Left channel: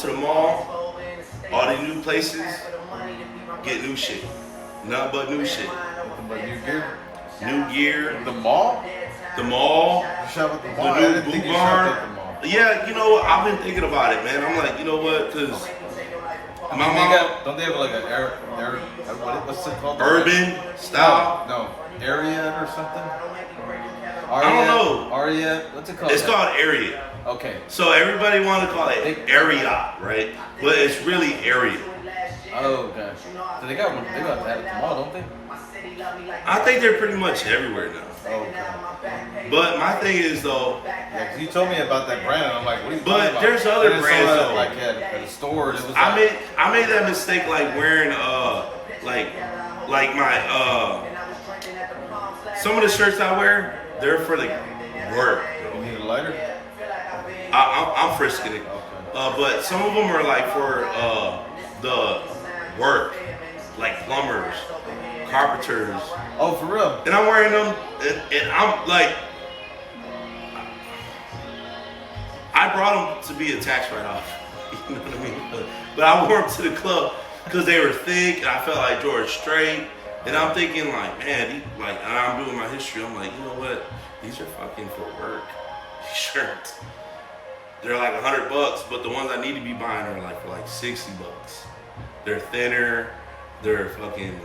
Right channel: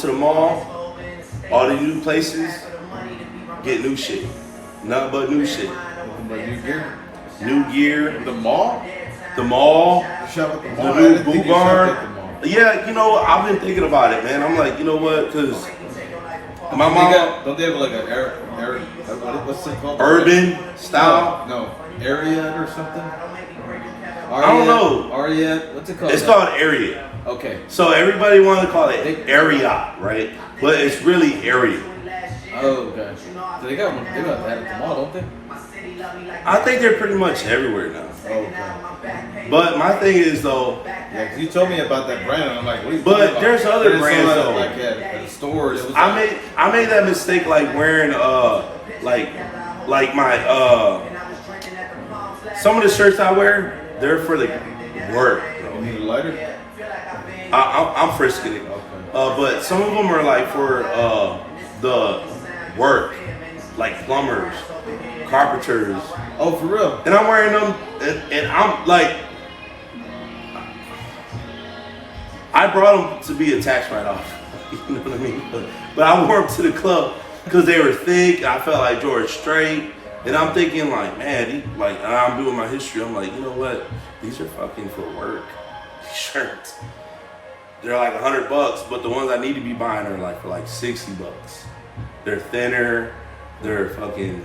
to the mall, all the new places, get new shit. Nothing but new shit. Nothing but new gear. New gear. The mall. The mall. Shop at the mall. The new Boo Bar. Yeah, you know what? I've been thinking about it, man. I'm like, you know what? Because my mom. Don't they have like an what's it called? Urban style? No, Ariat or something? I don't know. Ariat, what's it called? It's called Ariat. Okay. So everybody wants to call it Ariat, right? But it's really Ariat. Oh, gosh. So they got that at the mall, don't they? I think they're pretty much everywhere now. Okay. But my thing is though. Yeah, because you told me about that brand, and I'm like, what are you But talking about? there's other brands though. Like at a store. It was I made that mistake like wearing like my some of the shirts I wear, they're for the work, bro. You need a lighter? I'm frisking it. Okay. But some of them are like for the work, like plumbers, carpenters. Oh, for real? And I'm wearing them, and I'm like, I brought them to be a tax write-off. You know what I mean? But I wore them to the club because they were thick, and I felt like George Strait. And I'm thinking like, man, and I'm doing my history. I'm like, you know what? These are fucking for work. These shirts. They're like $100, but the ones I need to be buying are like for like $60. They're thinner. They're fucking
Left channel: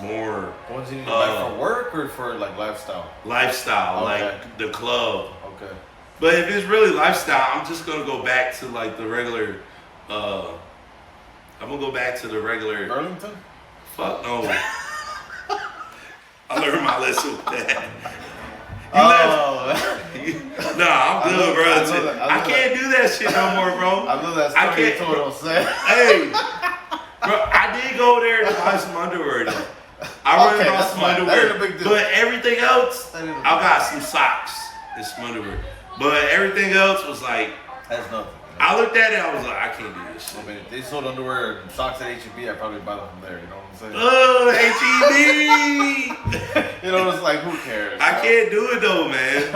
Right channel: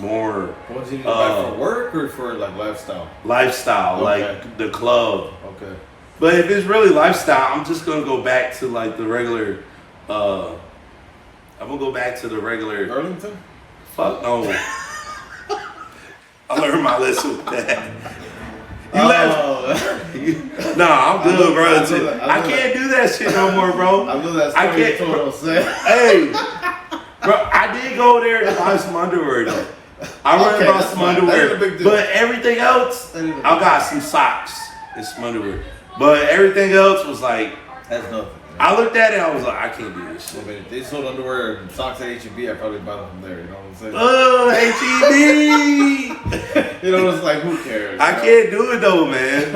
more. What do you need to buy for work or for like lifestyle? Lifestyle, Okay. like the club. Okay. But if it's really lifestyle, I'm just gonna go back to like the regular. I'm gonna go back to the regular. Burlington? Fuck no. I learned my lesson with that. Nah, I'm good, bro. I can't do that shit no more, bro. I love that story you told us. Hey, bro, I did go there to buy some underwear though. I ran about some underwear, but everything else, I got some socks and some underwear. But everything else was like, that's nothing. I looked at it, I was like, I can't do this shit. Well, if they sold underwear and socks at H-E-B, I'd probably buy them from there, you know what I'm saying? H-E-B! You know, it's like, who cares? I can't do it though, man.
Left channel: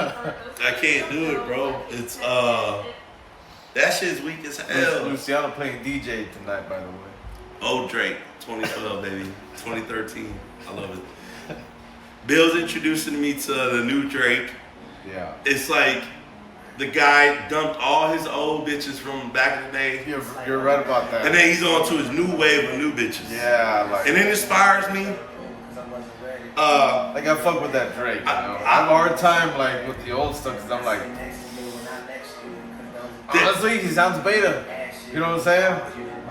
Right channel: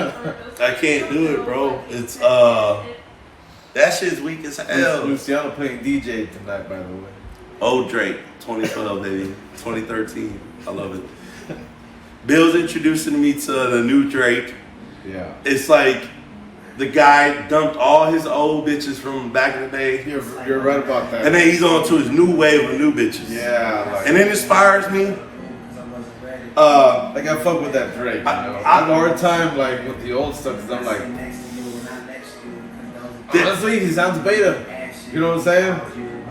I can't do it, bro. It's, that shit's weak as hell. Luciano playing DJ tonight, by the way. Old Drake, 2012, baby. 2013. I love it. Bill's introducing me to the new Drake. Yeah. It's like the guy dumped all his old bitches from back in the day. You're right about that. And then he's on to his new wave of new bitches. Yeah. Like, and it inspires me. Like, I fuck with that Drake, you know? I have a hard time, like, with the old stuff, because I'm like, honestly, he sounds beta. You know what I'm saying?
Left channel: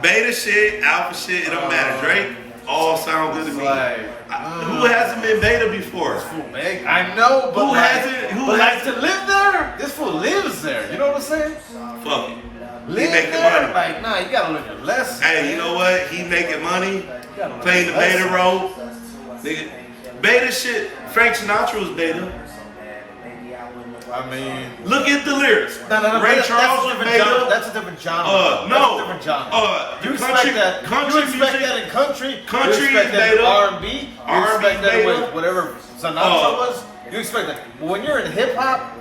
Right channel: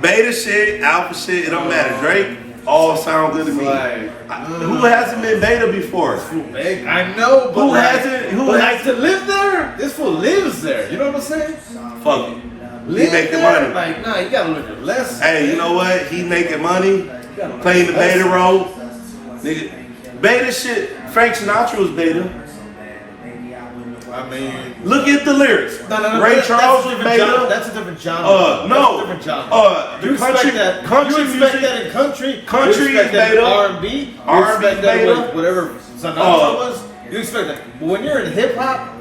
Beta shit, alpha shit, it don't matter. Drake, all sound good to me. Who hasn't been beta before? I know, but who has to live there? This fool lives there. You know what I'm saying? Fuck it. He making there? money. Like, nah, you gotta live your lesson. Hey, you know what? He making money, playing the beta role. Nigga, beta shit. Frank Sinatra was beta. I mean, look at the lyrics. Ray Charles was beta. That's a different genre. No. That's a different genre. The country you expect music. that in country. Country you expect is that in beta. R&B. You expect that with whatever Sinatra was. You expect that. But when you're in hip hop,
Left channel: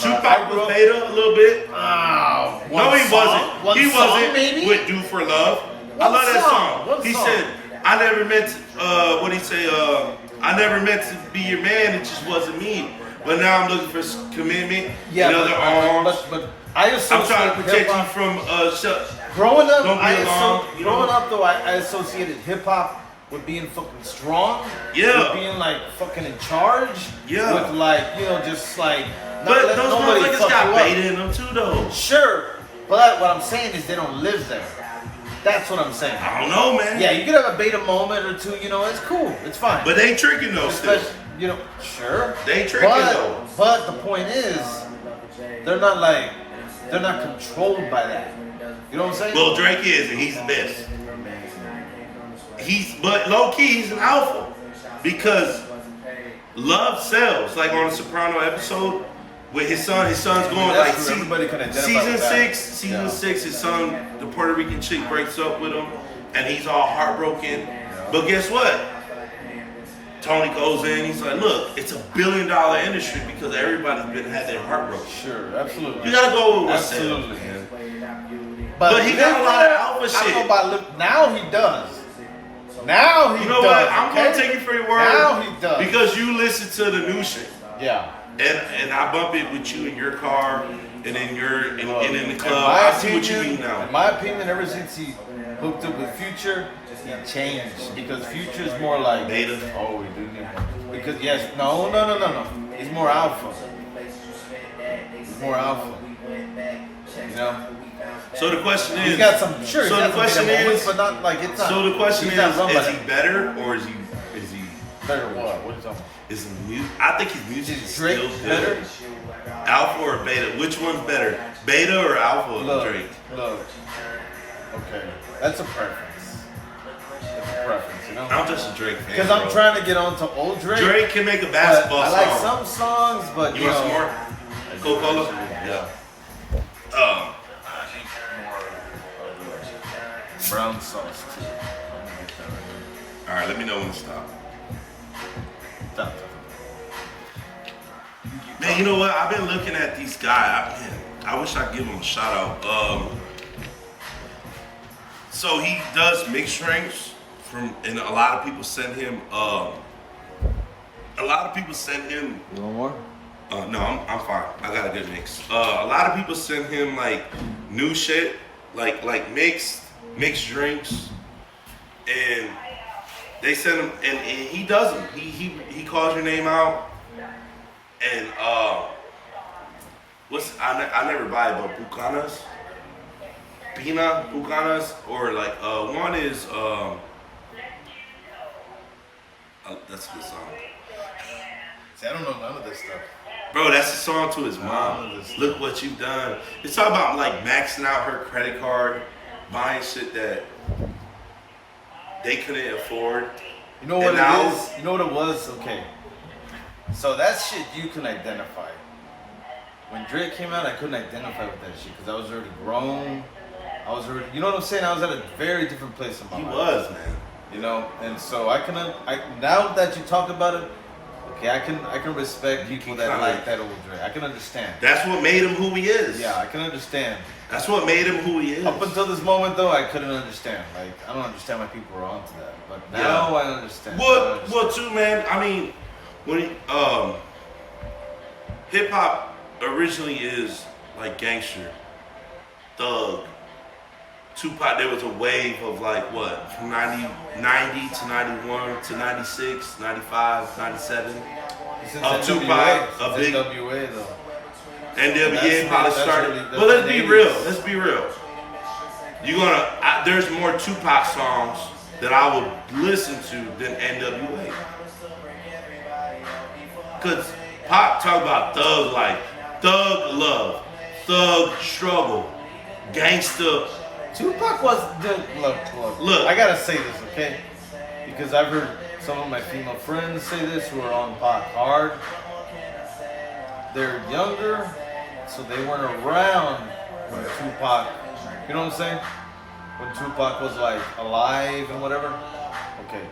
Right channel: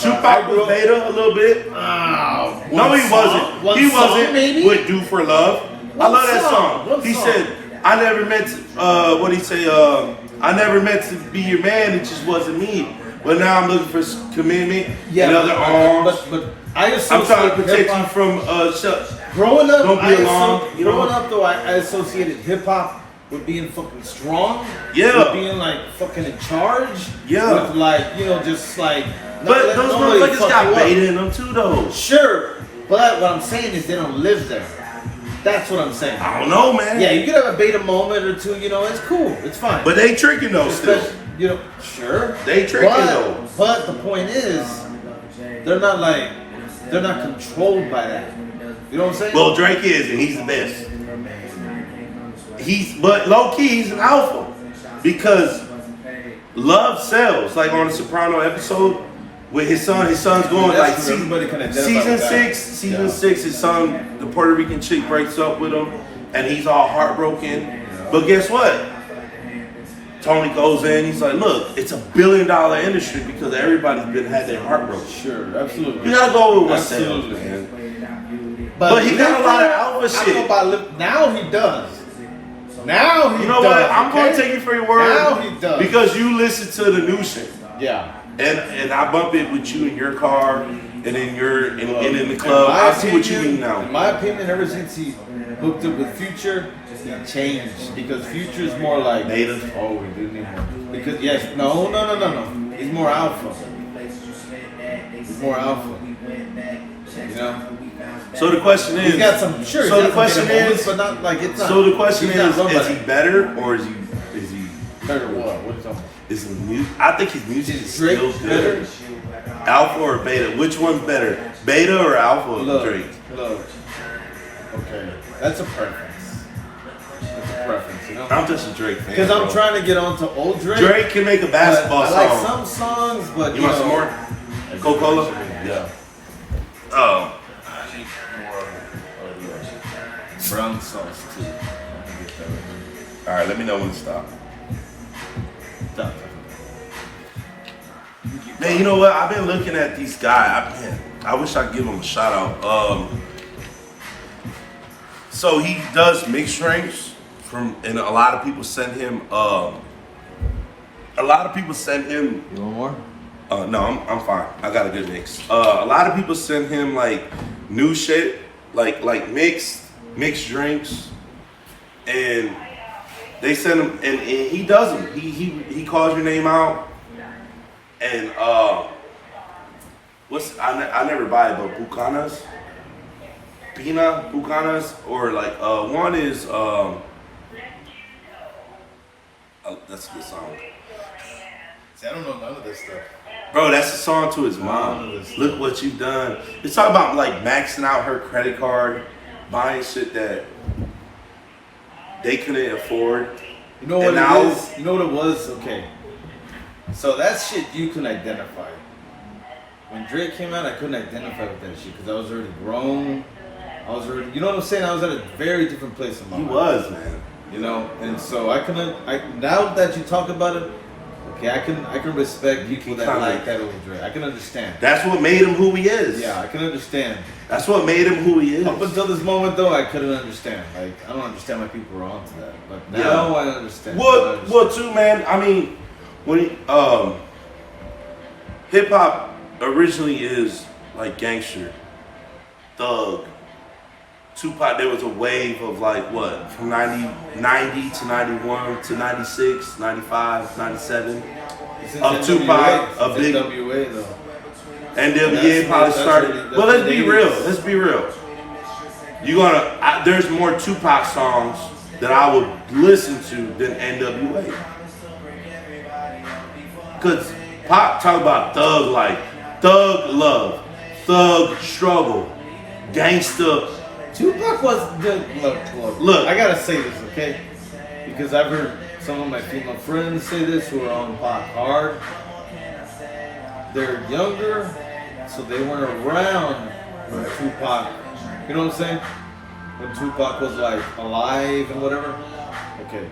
Tupac was beta a little bit. No, he wasn't. He wasn't. Maybe? With "Do for Love." I love that song. He said, "I never meant to." What he say? I never meant to be your man. It just wasn't me. But now I'm looking for commitment. Yeah, and other arms. But I'm trying to protect you from growing up. Don't be alarmed. Growing up, though, I associated hip hop with being fucking strong. Yeah. With being like fucking in charge. Yeah. With like, you know, just like. But those motherfuckers got beta in them too, though. Sure, but what I'm saying is they don't live there. That's what I'm saying. I don't know, man. Yeah, you could have a beta moment or two. You know, it's cool. It's fine. But they tricking though still. You know, sure. They tricking though. But the point is, they're not controlled by that. You know what I'm saying? Well, Drake is, and he's the best. But low key, he's an alpha because love sells. Like on the Soprano episode with his son. His son's going like season 6. His son, the Puerto Rican chick, breaks up with him, and he's all heartbroken. But guess what? Tony goes in, he's like, look, it's $1 billion industry because everybody's had their heart broken. Sure, absolutely. You gotta go with what's sells, man. But he got a lot of alpha shit. Now he does. Now he does. You know what? I'm going to take you for your word. Now he does. Because you listen to the new shit. Yeah. And I bump it with you in your car and in in the club. I see what you mean now. In my opinion, ever since he hooked up with Future, he changed. Because Future's more like native. Oh, he didn't. Because no. He's more alpha. He's more alpha. You know? So the question is, he's got some, sure, so the question is, but not like it's not. So the question is he better or is he better what? What are you talking about? Is he music? I think his music is still good. Alpha or beta? Which one's better? Beta or alpha? Drake. Look. Okay, that's a preference. That's a preference, you know. I'm just a Drake fan. Because I'm trying to get onto old Drake. Drake can make a basketball song. I like some songs, but you want some more? Coca-Cola? Yeah. Oh. Brown sauce too. All right, let me know when to stop. Man, you know what? I've been looking at these guys. I wish I could give them a shout out. So he does mixed drinks and a lot of people send him. A lot of people send him. You want more? No, I'm fine. I got a good mix. A lot of people send him like new shit, like mixed drinks, and they send him, and he does them. He calls your name out, and I never buy it, but Bucanas, or like one is that's a good song. See, I don't know none of this stuff. Bro, that's a song to his mom. Look what you've done. It's talking about like maxing out her credit card, buying shit that they couldn't afford. You know what it is? You know what it was? Okay. So that shit you can identify. When Drake came out, I couldn't identify with that shit because I was already grown. You know what I'm saying? I was at a very different place in my life. He was, man. You know, and so now that you talk about it, okay, I can respect people that like that old Drake. I can understand. That's what made him who he is. Yeah, I can understand. That's what made him who he is. Up until this moment, though, I couldn't understand. Like, I don't understand why people were onto that. But now I understand. Well, too, man. I mean, when hip hop originally is like gangster, thug, Tupac. There was a wave of like what, from 90 to 91 to 96, 95, 97. Of Tupac, a big NWA though. NWA probably started. But let's be real. There's more Tupac songs that I would listen to than NWA. Cause Pac talk about thug life, thug love, thug struggle, gangsta. Tupac was look. I gotta say this, okay? Because I've heard some of my female friends say this who are on Pac hard. They're younger, so they weren't around when Tupac. You know what I'm saying? When Tupac was like alive and whatever. Okay.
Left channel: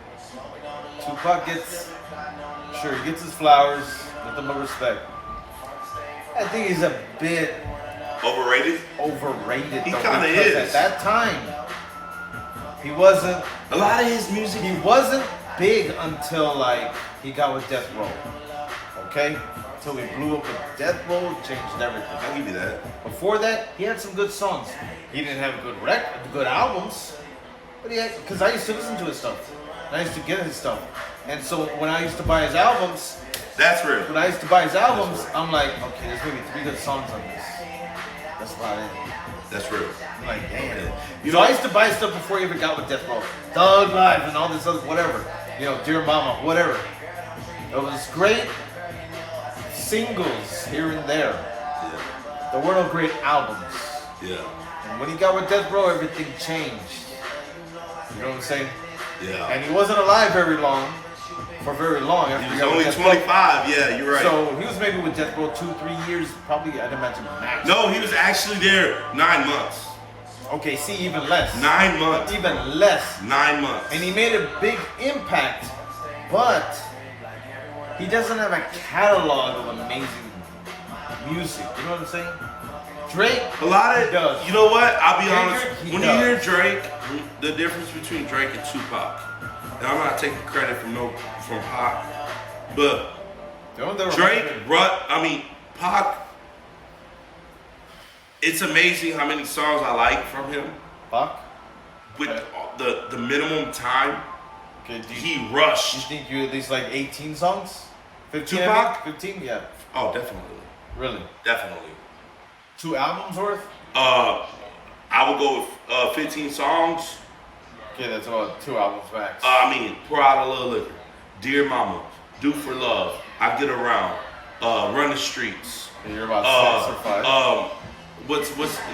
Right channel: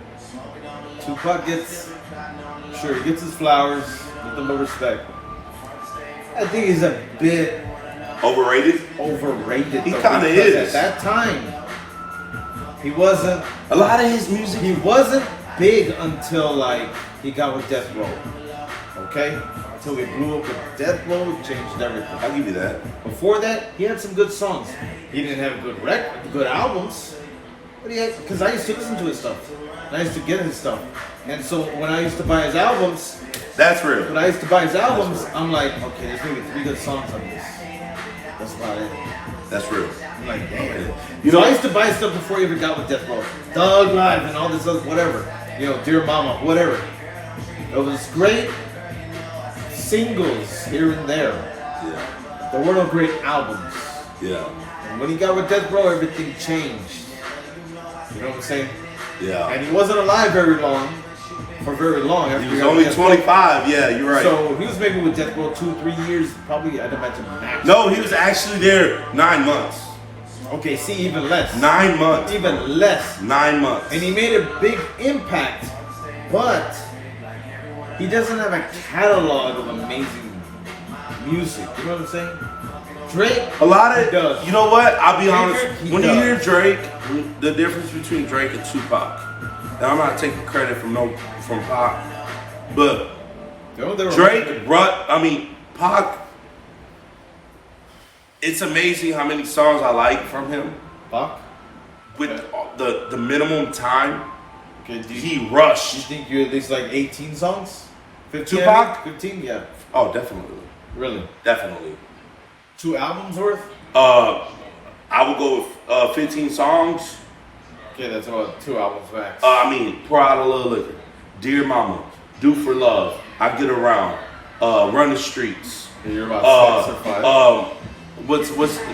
Tupac gets his flowers with the more respect. I think he's a bit overrated. He kind of is. At that time, he wasn't. A lot of his music. He wasn't big until like he got with Death Row. Okay? Until he blew up with Death Row, changed everything. I'll give you that. Before that, he had some good songs. He didn't have good albums. But because I used to listen to his stuff. And I used to get his stuff. And so when I used to buy his albums, that's real. When I used to buy his albums, I'm like, okay, there's maybe 3 good songs on this. That's about it. That's real. I'm like, damn. I used to buy stuff before he even got with Death Row. Thug Life and all this other whatever. Dear Mama, whatever. It was great singles here and there. Yeah. There were no great albums. Yeah. And when he got with Death Row, everything changed. You know what I'm saying? Yeah. And he wasn't alive for very long. He was only 25. Yeah, you're right. So he was maybe with Death Row 2-3 years, probably. I'd imagine max. No, he was actually there 9 months. Okay, see, even less. 9 months. Even less. 9 months. And he made a big impact, but he doesn't have a catalog of amazing music. You know what I'm saying? Drake. A lot he of, does. you know what? I'll be honest. He When you does. hear Drake, the difference between Drake and Tupac, and I'm not taking credit from Pac, but Drake, Pac. It's amazing how many songs I like from him. Pac. With the minimum time, Okay, he rushed. You think you're at least like 18 songs? 15? Tupac? 15? Yeah. Oh, definitely. Really? Definitely. 2 albums worth? I would go with 15 songs. Okay, that's about 2 albums max. Pour Out a Little Liquor, Dear Mama, Do for Love, I Get Around, Run the Streets. You're about 6 or 5.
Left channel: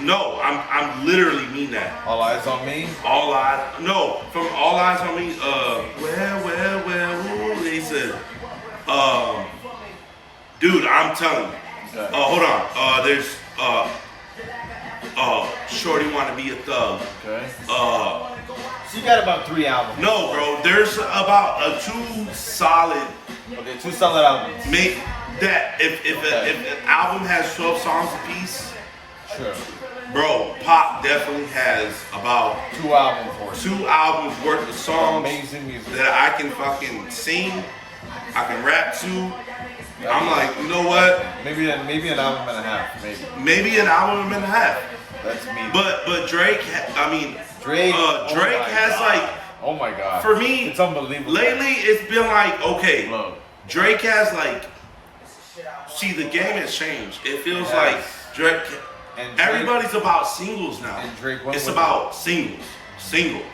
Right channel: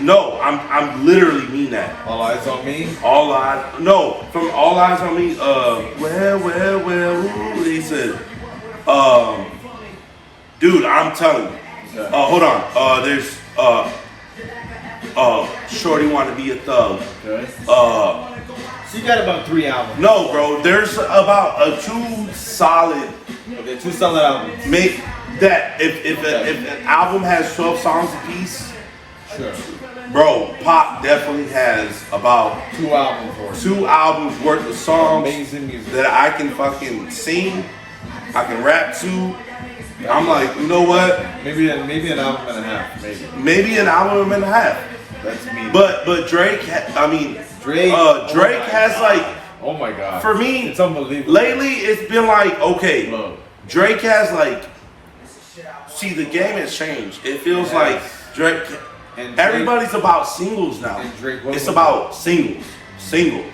No, I'm literally mean that. All Eyes on Me? From All Eyes on Me, well, he said, dude, I'm telling you. Okay. Hold on, there's, Shorty Wanna Be a Thug. Okay. So you got about 3 albums. No, bro, there's about 2 solid. Okay, 2 solid albums. Make that, if an album has 12 songs apiece, Sure. bro, Pop definitely has about 2 albums worth. 2 albums worth of songs Amazing music. that I can fucking sing, I can rap to. I'm like, you know what? Maybe an album and a half, maybe. Maybe an album and a half. That's me. But Drake, Drake has like, oh my god. for me, it's unbelievable. Lately, it's been like, okay, Bro. Drake has like, see, the game has changed. It feels like Drake. And Everybody's about singles now. And Drake, it's about singles. This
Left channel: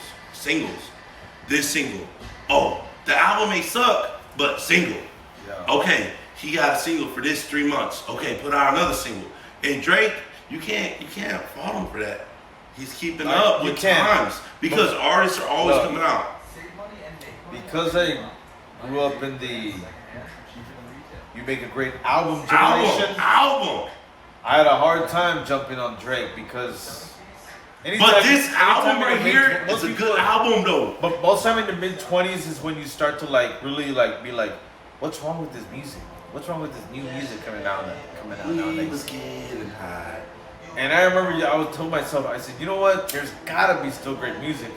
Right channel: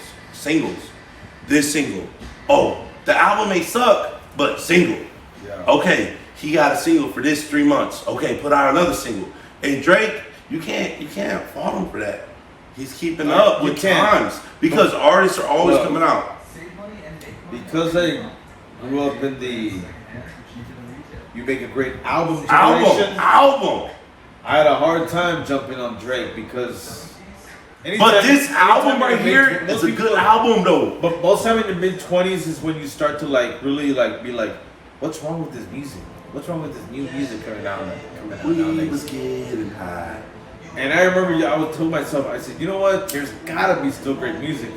single. Oh, the album may suck, but single. Yeah. Okay, he got a single for this 3 months. Okay, put out another single. And Drake, you can't fault him for that. He's keeping up with times because artists are always coming out. Because I grew up in the you make a great album generation. Album. I had a hard time jumping on Drake because. But this album right here is a good album though. But most time in the mid-20s is when you start to like really like be like, what's wrong with this music? What's wrong with this new music coming out nowadays? Was getting high. And I remember I was told myself, I said, you know what? There's gotta be still great music.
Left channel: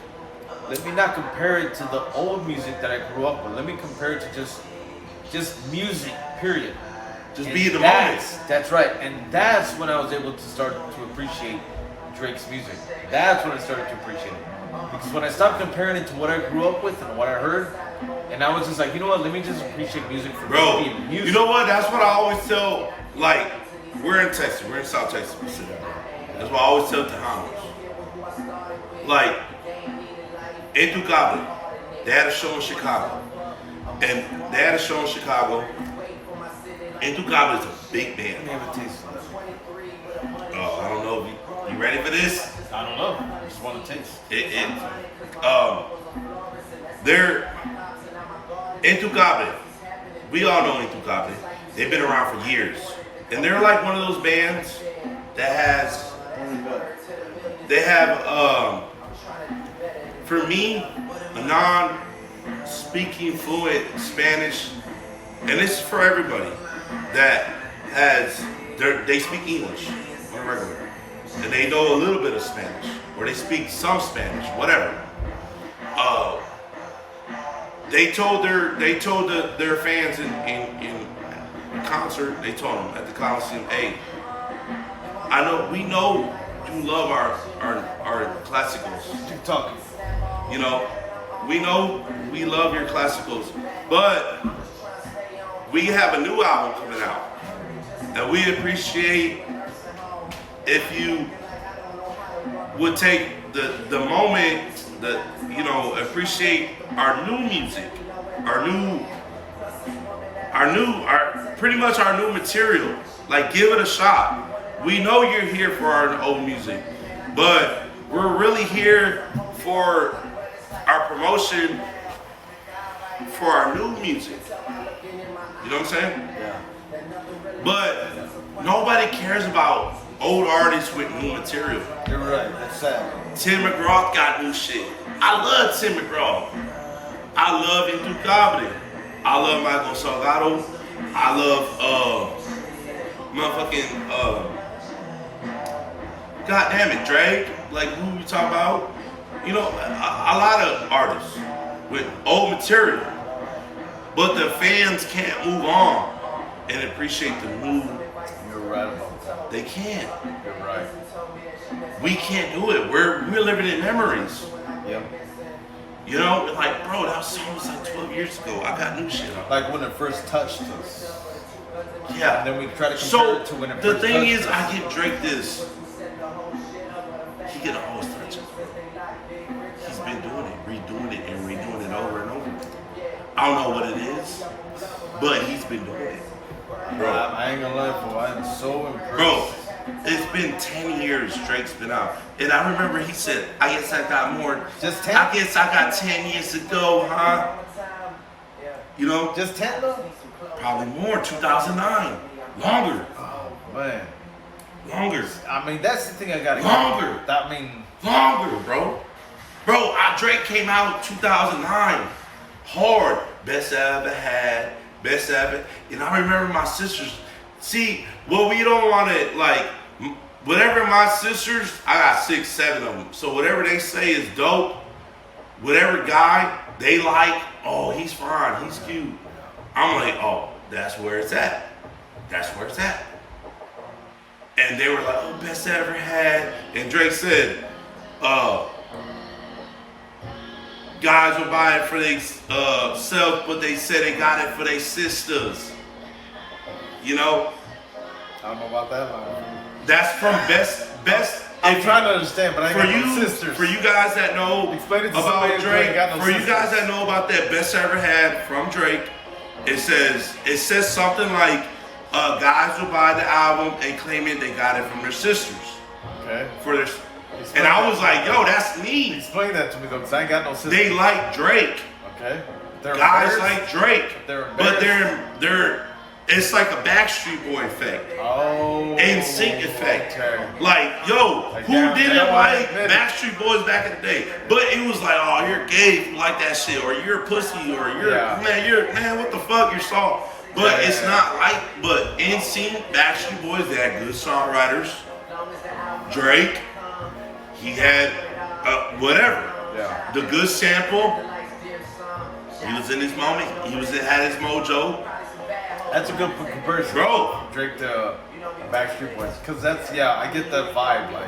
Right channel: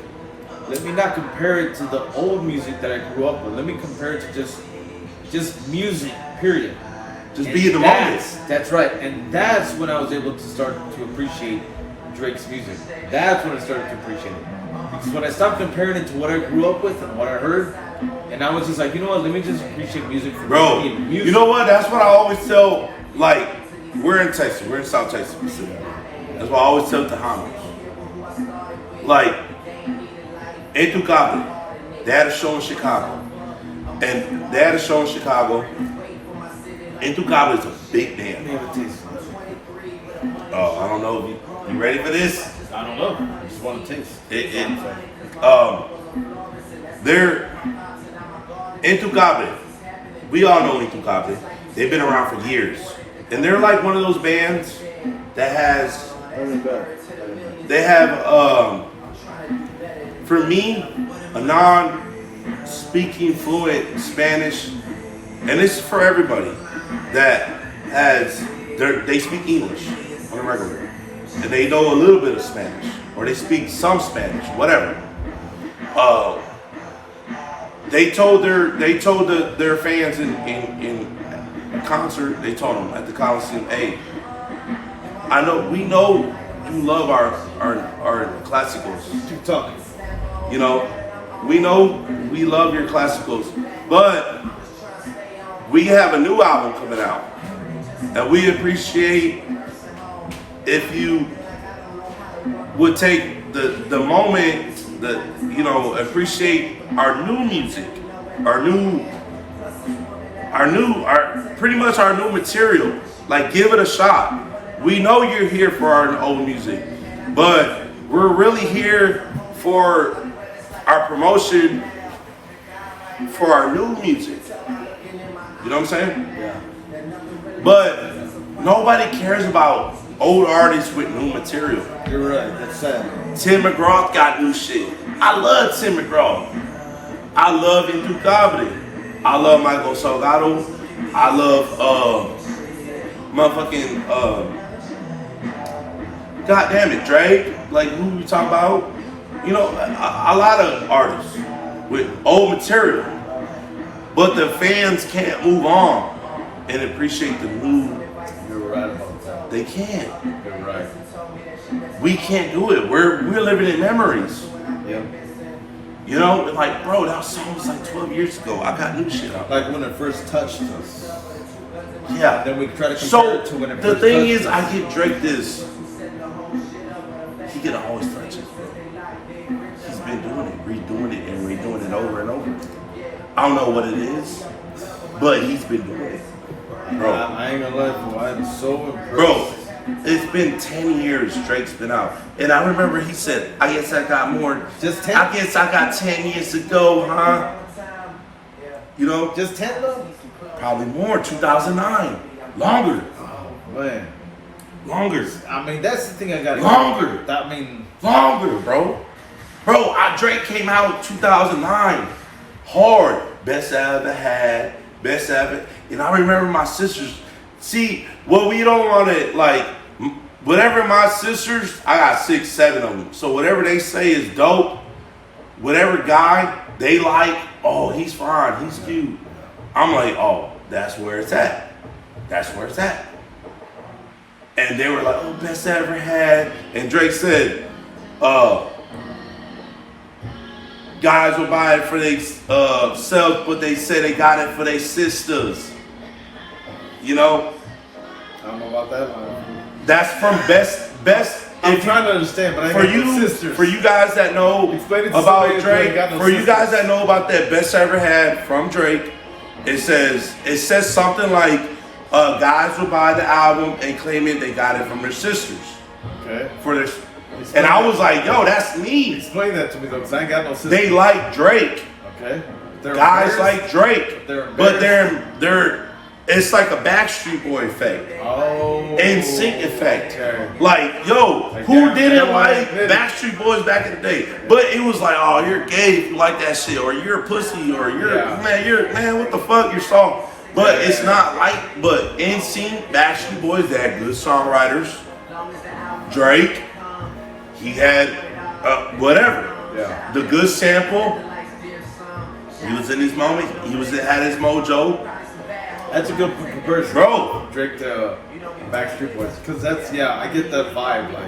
Let me not compare it to the old music that I grew up with. Let me compare it to just music, period. Just be in the moment. That's right. And that's when I was able to start to appreciate Drake's music. That's when I started to appreciate it. Because when I stopped comparing it to what I grew up with and what I heard, and I was just like, you know what? Let me just appreciate music for being music. You know what? That's what I always tell, like, we're in Texas. We're in South Texas. That's what I always tell Tejanos. Like, en tu cable, they had a show in Chicago. And they had a show in Chicago. En tu cable is a big band. Oh, I don't know. You ready for this? I don't know. I just want to taste. They're Intucabe. We all know Intucabe. They've been around for years. And they're like one of those bands that has, they have, for me, a non-speaking fluent Spanish, and this is for everybody that has, they speak English on a regular, and they know a little bit of Spanish, or they speak some Spanish, whatever. They told their fans in a concert. They told them at the Coliseum, "Hey, we know you love our classicals. Keep talking. You know, we know we love your classicals, but we have a new album coming out, and we appreciate if you would take the moment that, you know, appreciate our new music, our pretty much our new material. Like, give it a shot. We know you're here for our old music, but we're really here for our promotion for our new music. You know what I'm saying? Yeah. But nobody cares about old artists with new material. You're right. It's sad. Tim McGraw got new shit. I love Tim McGraw. I love Intucable. I love Michael Salgado. I love motherfucking, God damn it, Drake, like who we talking about? You know, a lot of artists with old material, but the fans can't move on and appreciate the new. You're right about that. They can't. You're right. We can't do it. We're living in memories. Yep. You know, like, bro, that song was like 12 years ago. I got new shit up. Like when it first touched us. Yeah. And then we try to compare So it to when it the first thing touched is, us. I give Drake this. He can always touch it. He's been doing it, redoing it, and redoing it over and over. I don't know what it is, but he's been doing it, bro. I ain't gonna lie to you, I'm so impressed. Bro, it's been 10 years Drake's been out. And I remember he said, I guess I got more. Just 10? I guess I got 10 years to go, huh? You know? Just 10 though? Probably more, 2009. Longer. Oh, man. Longer. I mean, that's the thing I got. Longer. I mean, Longer, bro. Bro, Drake came out 2009. Hard. Best I ever had. Best I ever. And I remember my sisters. See, what we don't want to, like, whatever my sisters, I got 6, 7 of them. So whatever they say is dope, whatever guy they like, oh, he's fine, he's cute. I'm like, oh, that's where it's at. That's where it's at. And they were like, oh, best I ever had. And Drake said, guys will buy it for they self, but they say they got it for their sisters. You know? I don't know about that one. That's from best. I'm trying to understand, but I for ain't you, got no sisters. for you guys that know Explain it to about somebody who Drake, ain't got no for you sisters. guys that know about that best I ever had from Drake, it says something like, guys will buy the album and claim it they got it from their sisters. Okay. For their, and I was like, yo, that's me. Explain that to me though, because I ain't got no sisters. They like Drake. Okay. They're Guys embarrassed? like Drake, But they're it's like a Backstreet Boy effect. Oh. NSYNC effect. Okay. Like, yo, Like, who yeah, didn't yeah, like yeah. Backstreet Boys back in the day? But it was like, oh, you're gay if you like that shit, or you're a pussy, or man, what the fuck, you're soft. But Yeah. it's not like, but NSYNC, Backstreet Boys, they had good songwriters. Drake, he had whatever. Yeah. The good sample. He was in his moment. Had his mojo. That's a good comparison. Bro. Drake to Backstreet Boys. Because that's, yeah, I get that vibe. Like,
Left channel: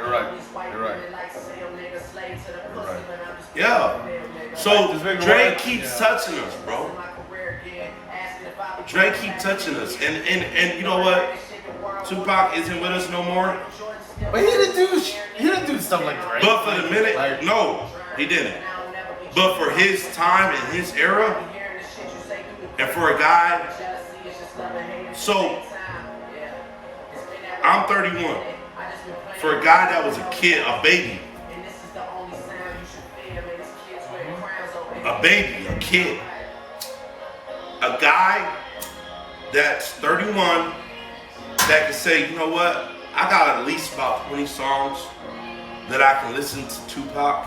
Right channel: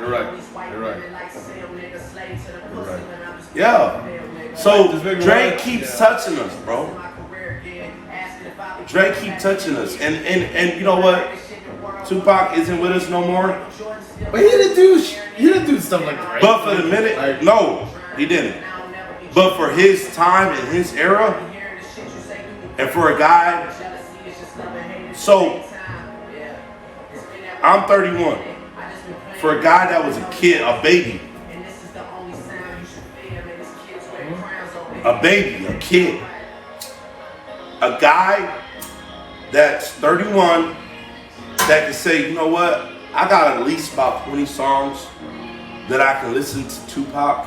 you're right. You're right. You're right. Yeah. So Just make me Drake laugh. keeps Yeah. touching us, bro. Drake keeps touching us. And you know what? Tupac isn't with us no more. But he didn't do stuff like Drake. But for the minute, Like, no, he didn't. But for his time and his era, and for a guy, so I'm 31. For a guy that was a kid, a baby, a kid, a guy that's 31 that can say, you know what, I got at least about 20 songs that I can listen to Tupac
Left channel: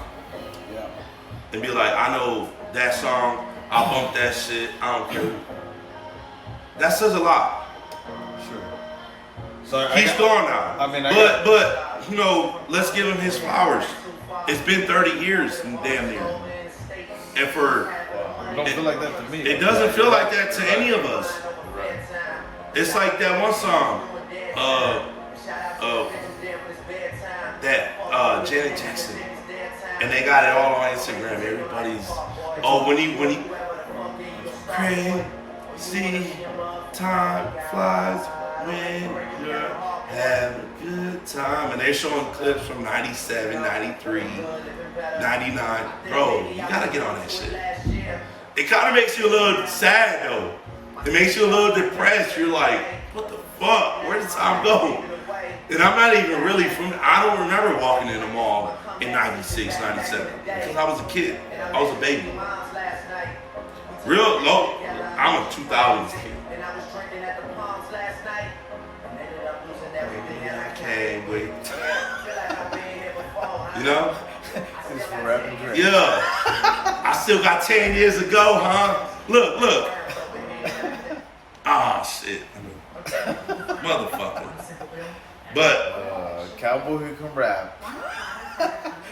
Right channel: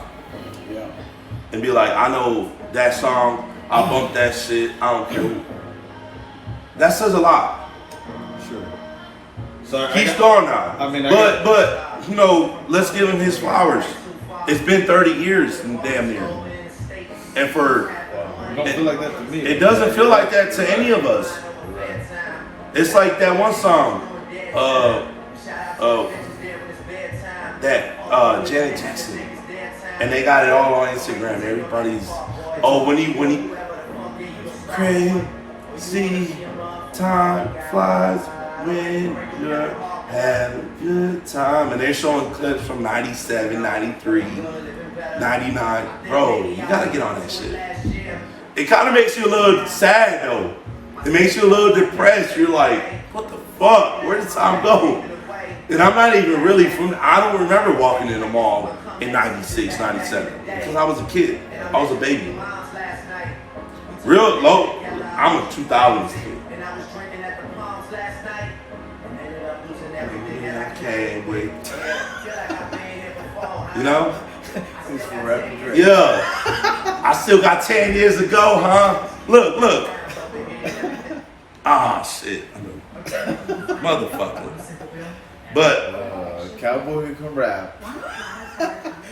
Yeah. and be like, I know that song, I bump that shit, I don't care. That says a lot. Sure. So He's gone now. I mean, but you know, let's give him his flowers. It's been 30 years, damn near. And for It don't feel like that to me. it doesn't feel like that to any of us. It's like that one song, that Janet Jackson, and they got it all on Instagram. Everybody's when he crazy time flies when you're having a good time, and they're showing clips from 97, 93, 99. Bro, you gotta get on that shit. It kind of makes you a little sad though. It makes you a little depressed. You're like, what the fuck? Where did time go? And I'm not even really I don't remember walking in the mall in 96, 97. Because I was a kid. I was a baby. Real low. I'm a 2000s kid. I can't wait. You know? Yeah. I still got 10 years to go, huh? Look. Ah, shit. Motherfucker. But Cowboy who can rap.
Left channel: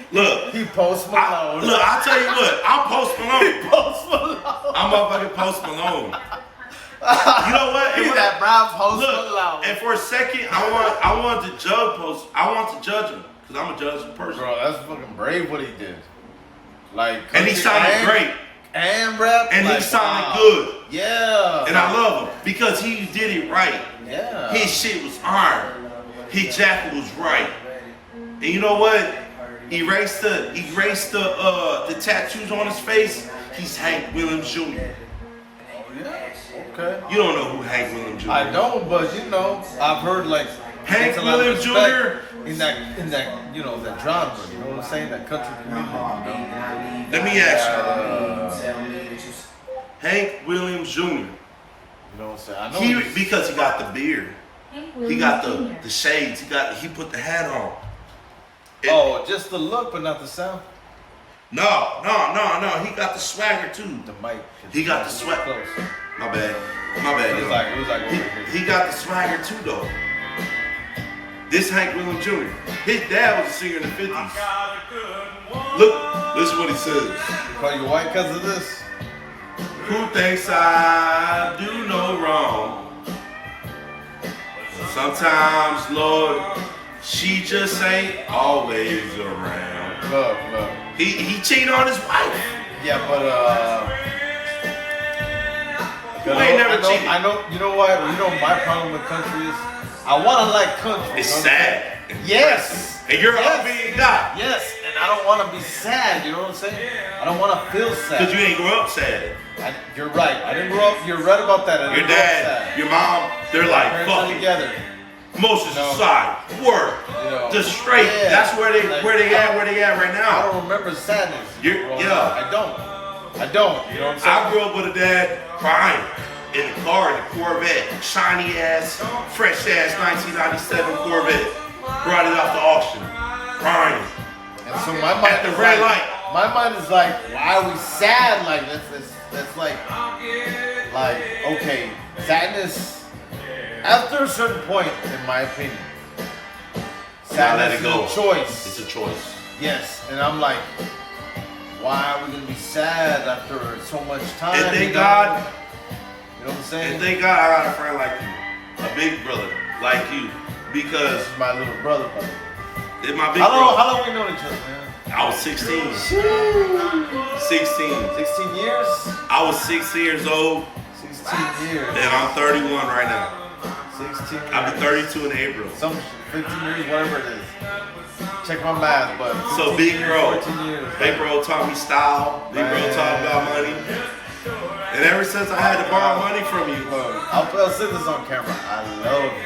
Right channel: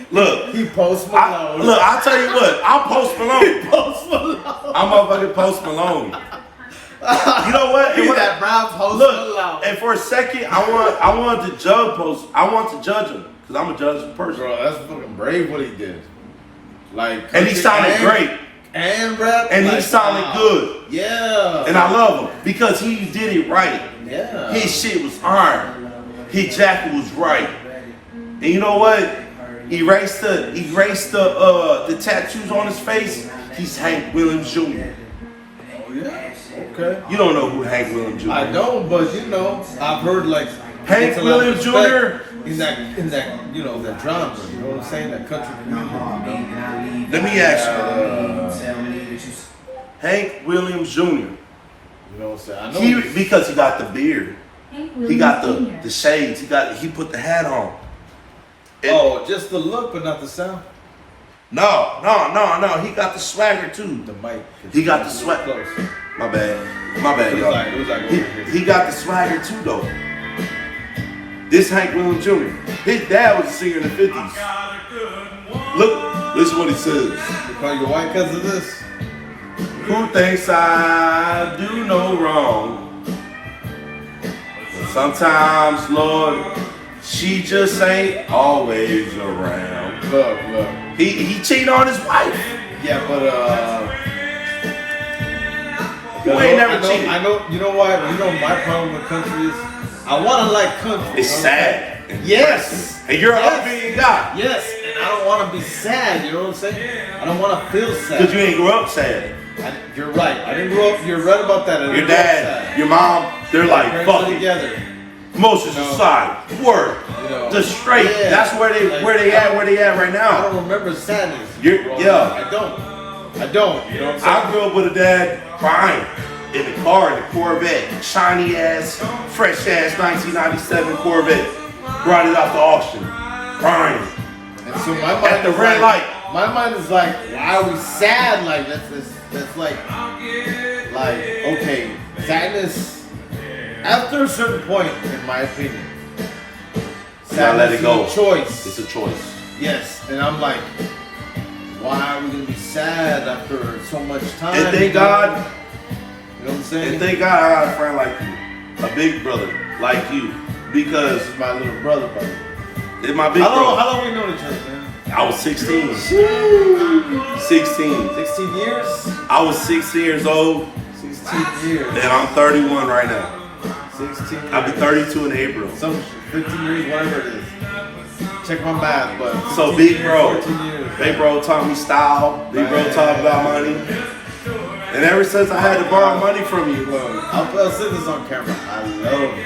look, He Post Malone. I'll tell you what. I'm Post Malone. Post Malone. I'm motherfucking Post Malone. You know what? He that brown Post Look, Malone. and for a second, I want to judge Post. I want to judge him because I'm a judge person. Bro, that's fucking brave what he did. Like, And he sounded great. And rap. And he like, sounded wow. good. Yeah. And I love him because he did it right. Yeah. His shit was iron. His jacket was right. And you know what? Erased the tattoos on his face. He's Hank Williams Jr. Yeah. Okay. You don't know who Hank Williams Jr. I don't, but you know, I've heard like Hank it's a lot of Williams respect Jr. in that you know that genre. You know what I'm saying? That country music. Let me ask you. Hank Williams Jr. You know what I'm saying? I know. Because he got the beard. He got the shades. He put the hat on. Oh, just the look, but not the sound. No. He got the swagger too. The mic. He got the swag. Close. My bad. It was like He got the swagger too though. This Hank Williams Jr. His dad was a singer in the 50s. Look, listen what he says. You call your white cousin this? Who thinks I do no wrong? But sometimes, Lord, she just ain't always around. Look. He cheated on his wife. Yeah, but Who ain't never cheated? I know. You know why? You know my problem with country is I want to like country. It's sad. and Yes. depressing. And you're an upbeat guy. Yes, and I don't want to be sad. You know what I'm saying? I don't want to feel sad. Because you ain't grow up sad. You're right. I didn't grow up. You're right about that. I Your didn't grow up dad, sad. your mom, they're like, Parents fuck are it. together. Most of You know, society, work, you know, just straight. yeah, That's where they like, where they at right I now. don't remember sadness. You're- bro. yeah. I don't. You know what I'm saying? I grew up with a dad crying in the car in the Corvette, shiny ass, fresh ass 1997 Corvette. Brought it out the auction, crying. And so my mind At the is red like, light. My mind is like, why are we sad? Like that's like okay, sadness. After a certain point, in my opinion, Gotta let it go. is a choice. It's a choice. Yes, and I'm like, why are we gonna be sad after so much time? And thank God, You know what I'm saying? and thank God I got a friend like you, a big brother like you, because This is my little brother, buddy. it's my big How brother. long we known each other, man? I was 16. 16. 16 years? I was 6 years old, 16 years. and I'm 31 right now. 16 years. I'll be 32 in April. Some 15 years, whatever it is. Check my math, but So big bro, 14 years. big bro taught me style. Big bro taught me about money. And ever since I had to borrow money from you, Look, I'll say this on camera. I love you.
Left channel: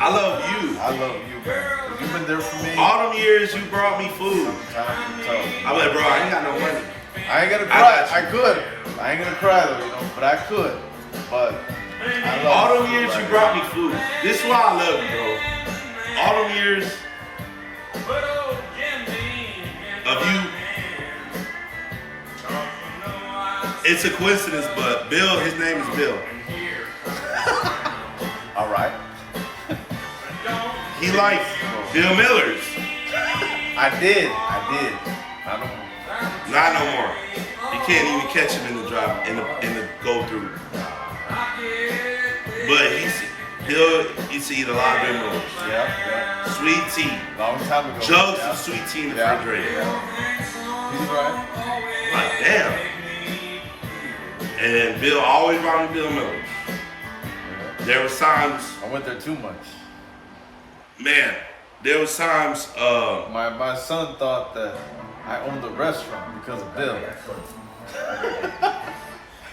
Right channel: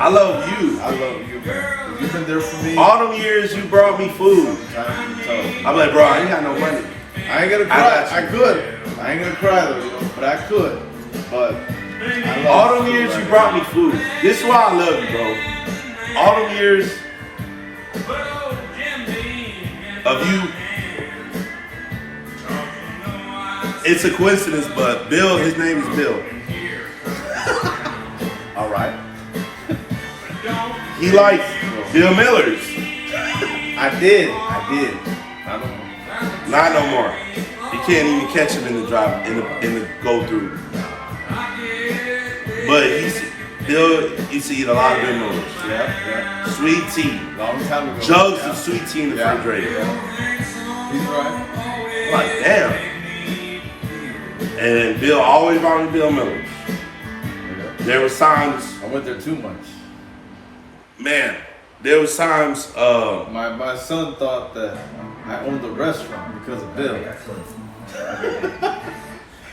I love you. I love you, man. You've been there for me. All them years you brought me food. Time to tell. I'm like, bro, I ain't got no money. I ain't gonna I cry. got I you. could. I ain't gonna cry though, you know, but I could. But I love All them you years you right brought me food. This is why I love you, bro. All them years of you. It's a coincidence, but Bill, his name is Bill. now. All right. He likes Bill Millers. I did. I don't. Not no more. You can't even catch him in the drive in the go through. But Bill used to eat a lot of Bill Millers. Yeah. Sweet tea. Long time ago. Jugs Yeah. of sweet tea in the Yeah. refrigerator. Yeah. He's right. Like, damn. And Bill always brought me Bill Millers. Yeah. There was times, I went there too much. man, there was times, My son thought that I owned the restaurant because of Bill.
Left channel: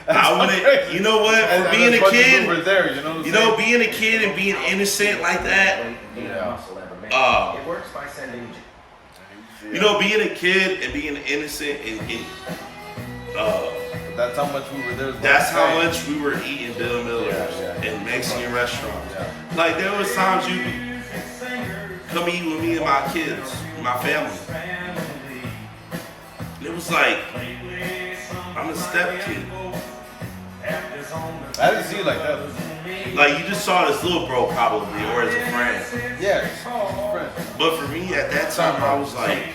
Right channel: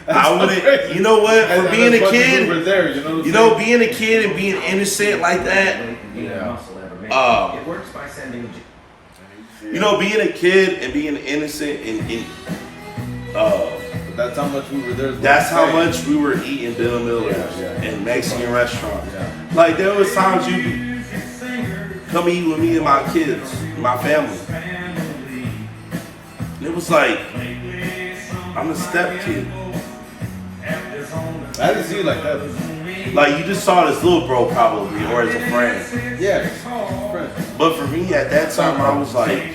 I wouldn't, you know what, for being a kid, over there, you know what I'm you know, being a kid and being innocent like that, saying? Yeah. you know, being a kid and being innocent and That's how much we were there. is what that's I'm how saying. much we were eating Bill Miller Yeah. in Mexican restaurants. Yeah. Like, there was times you come eat with me and my kids, my family. And it was like, I'm a step kid. I didn't see it like that. Like you just saw this little bro probably, or as a friend. Yeah, it's a friend. But for me at that time, I was like,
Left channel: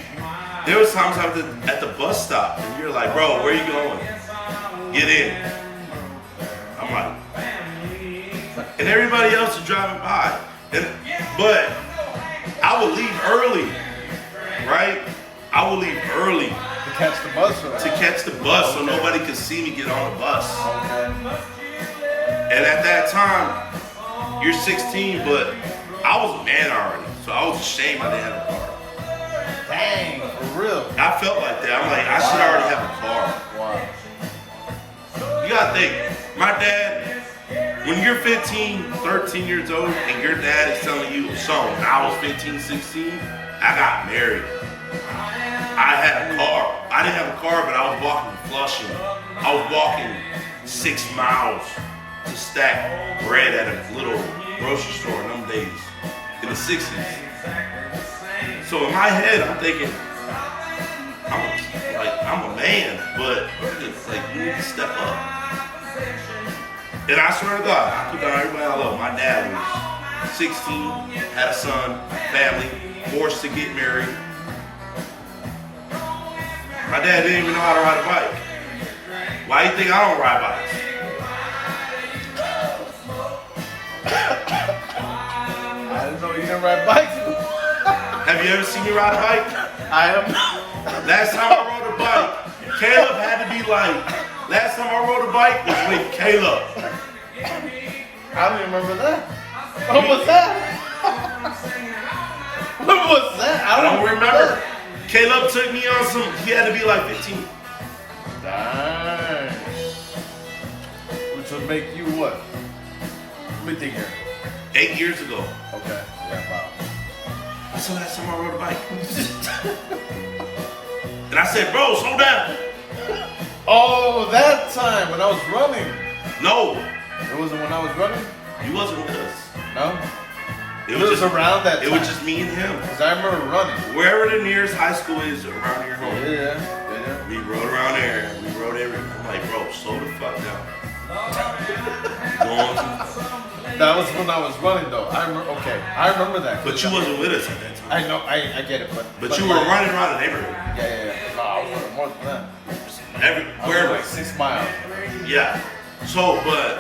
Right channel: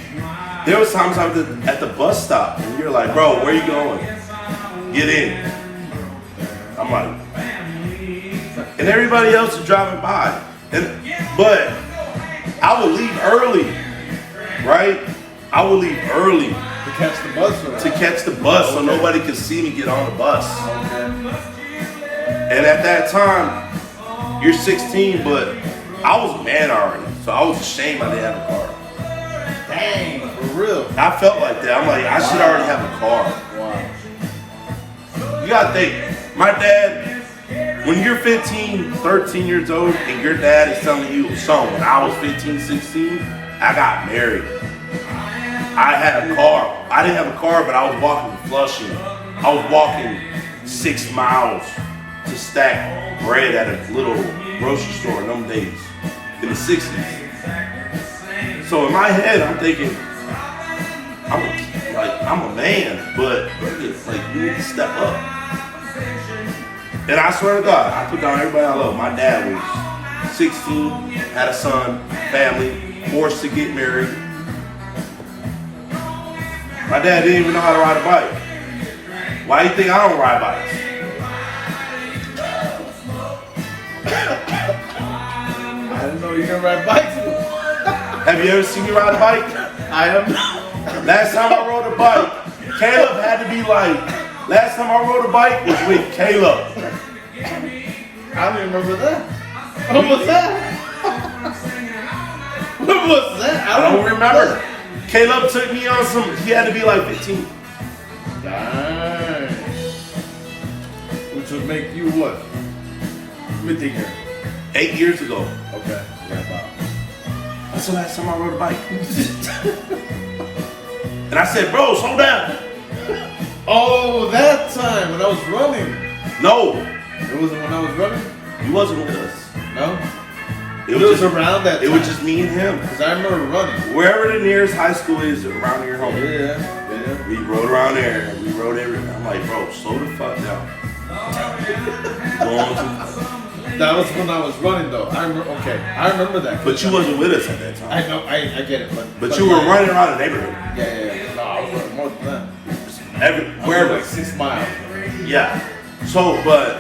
there was times I was at the bus stop, and you're like, bro, where you going? Get in. I'm like, and everybody else is driving by, but I would leave early, right? I would leave early To catch the bus. Or to catch the bus so nobody could see me get on the bus. And at that time, you're 16, but I was a man already, so I was ashamed I didn't have a car. Dang, for real. I felt like that. I'm like, I should already have a car. Wow. You gotta think, my dad, when you're 15, 13 years old, and your dad is telling you, son, when I was 15, 16, I got married. I had a car. I didn't have a car, but I was walking to Flushing. I was walking 6 miles to stack bread at a little grocery store in them days, in the 60s. So in my head, I'm thinking, I'm a man, but like you need to step up. And I swear to God, I put down everybody I love. My dad was 16, had a son, family, forced to get married. My dad didn't even know how to ride a bike. Why do you think I don't ride bikes? I didn't know you could ride bikes. Have you ever seen me ride a bike? I have not. Last time I rode a bike, Caleb had to be like, last time I rode a bike was with Caleb. I don't remember that. What was that? What was that? I don't remember. Caleb took me on some, he had to be like 15. Nice. Which would make you what? Let me think here. 8 years ago. Okay. Yeah, about. That's the last time I rode a bike. And I said, bro, slow down. Oh, that time when I was running. No, It wasn't when I was running? he wasn't with us. No? It was just around that It was time. just me and him. Because I remember running. Wherever the nearest high school is around your home. Yeah. We rode around there. We rode everywhere. I'm like, bro, slow the fuck down. Going to- That was when I was running though. I remember that. But you wasn't with us at that time. I know, I get it, But you were running around the neighborhood. Yeah. No, I was running more than that. Wherever. Like 6 miles. Yeah. So, but,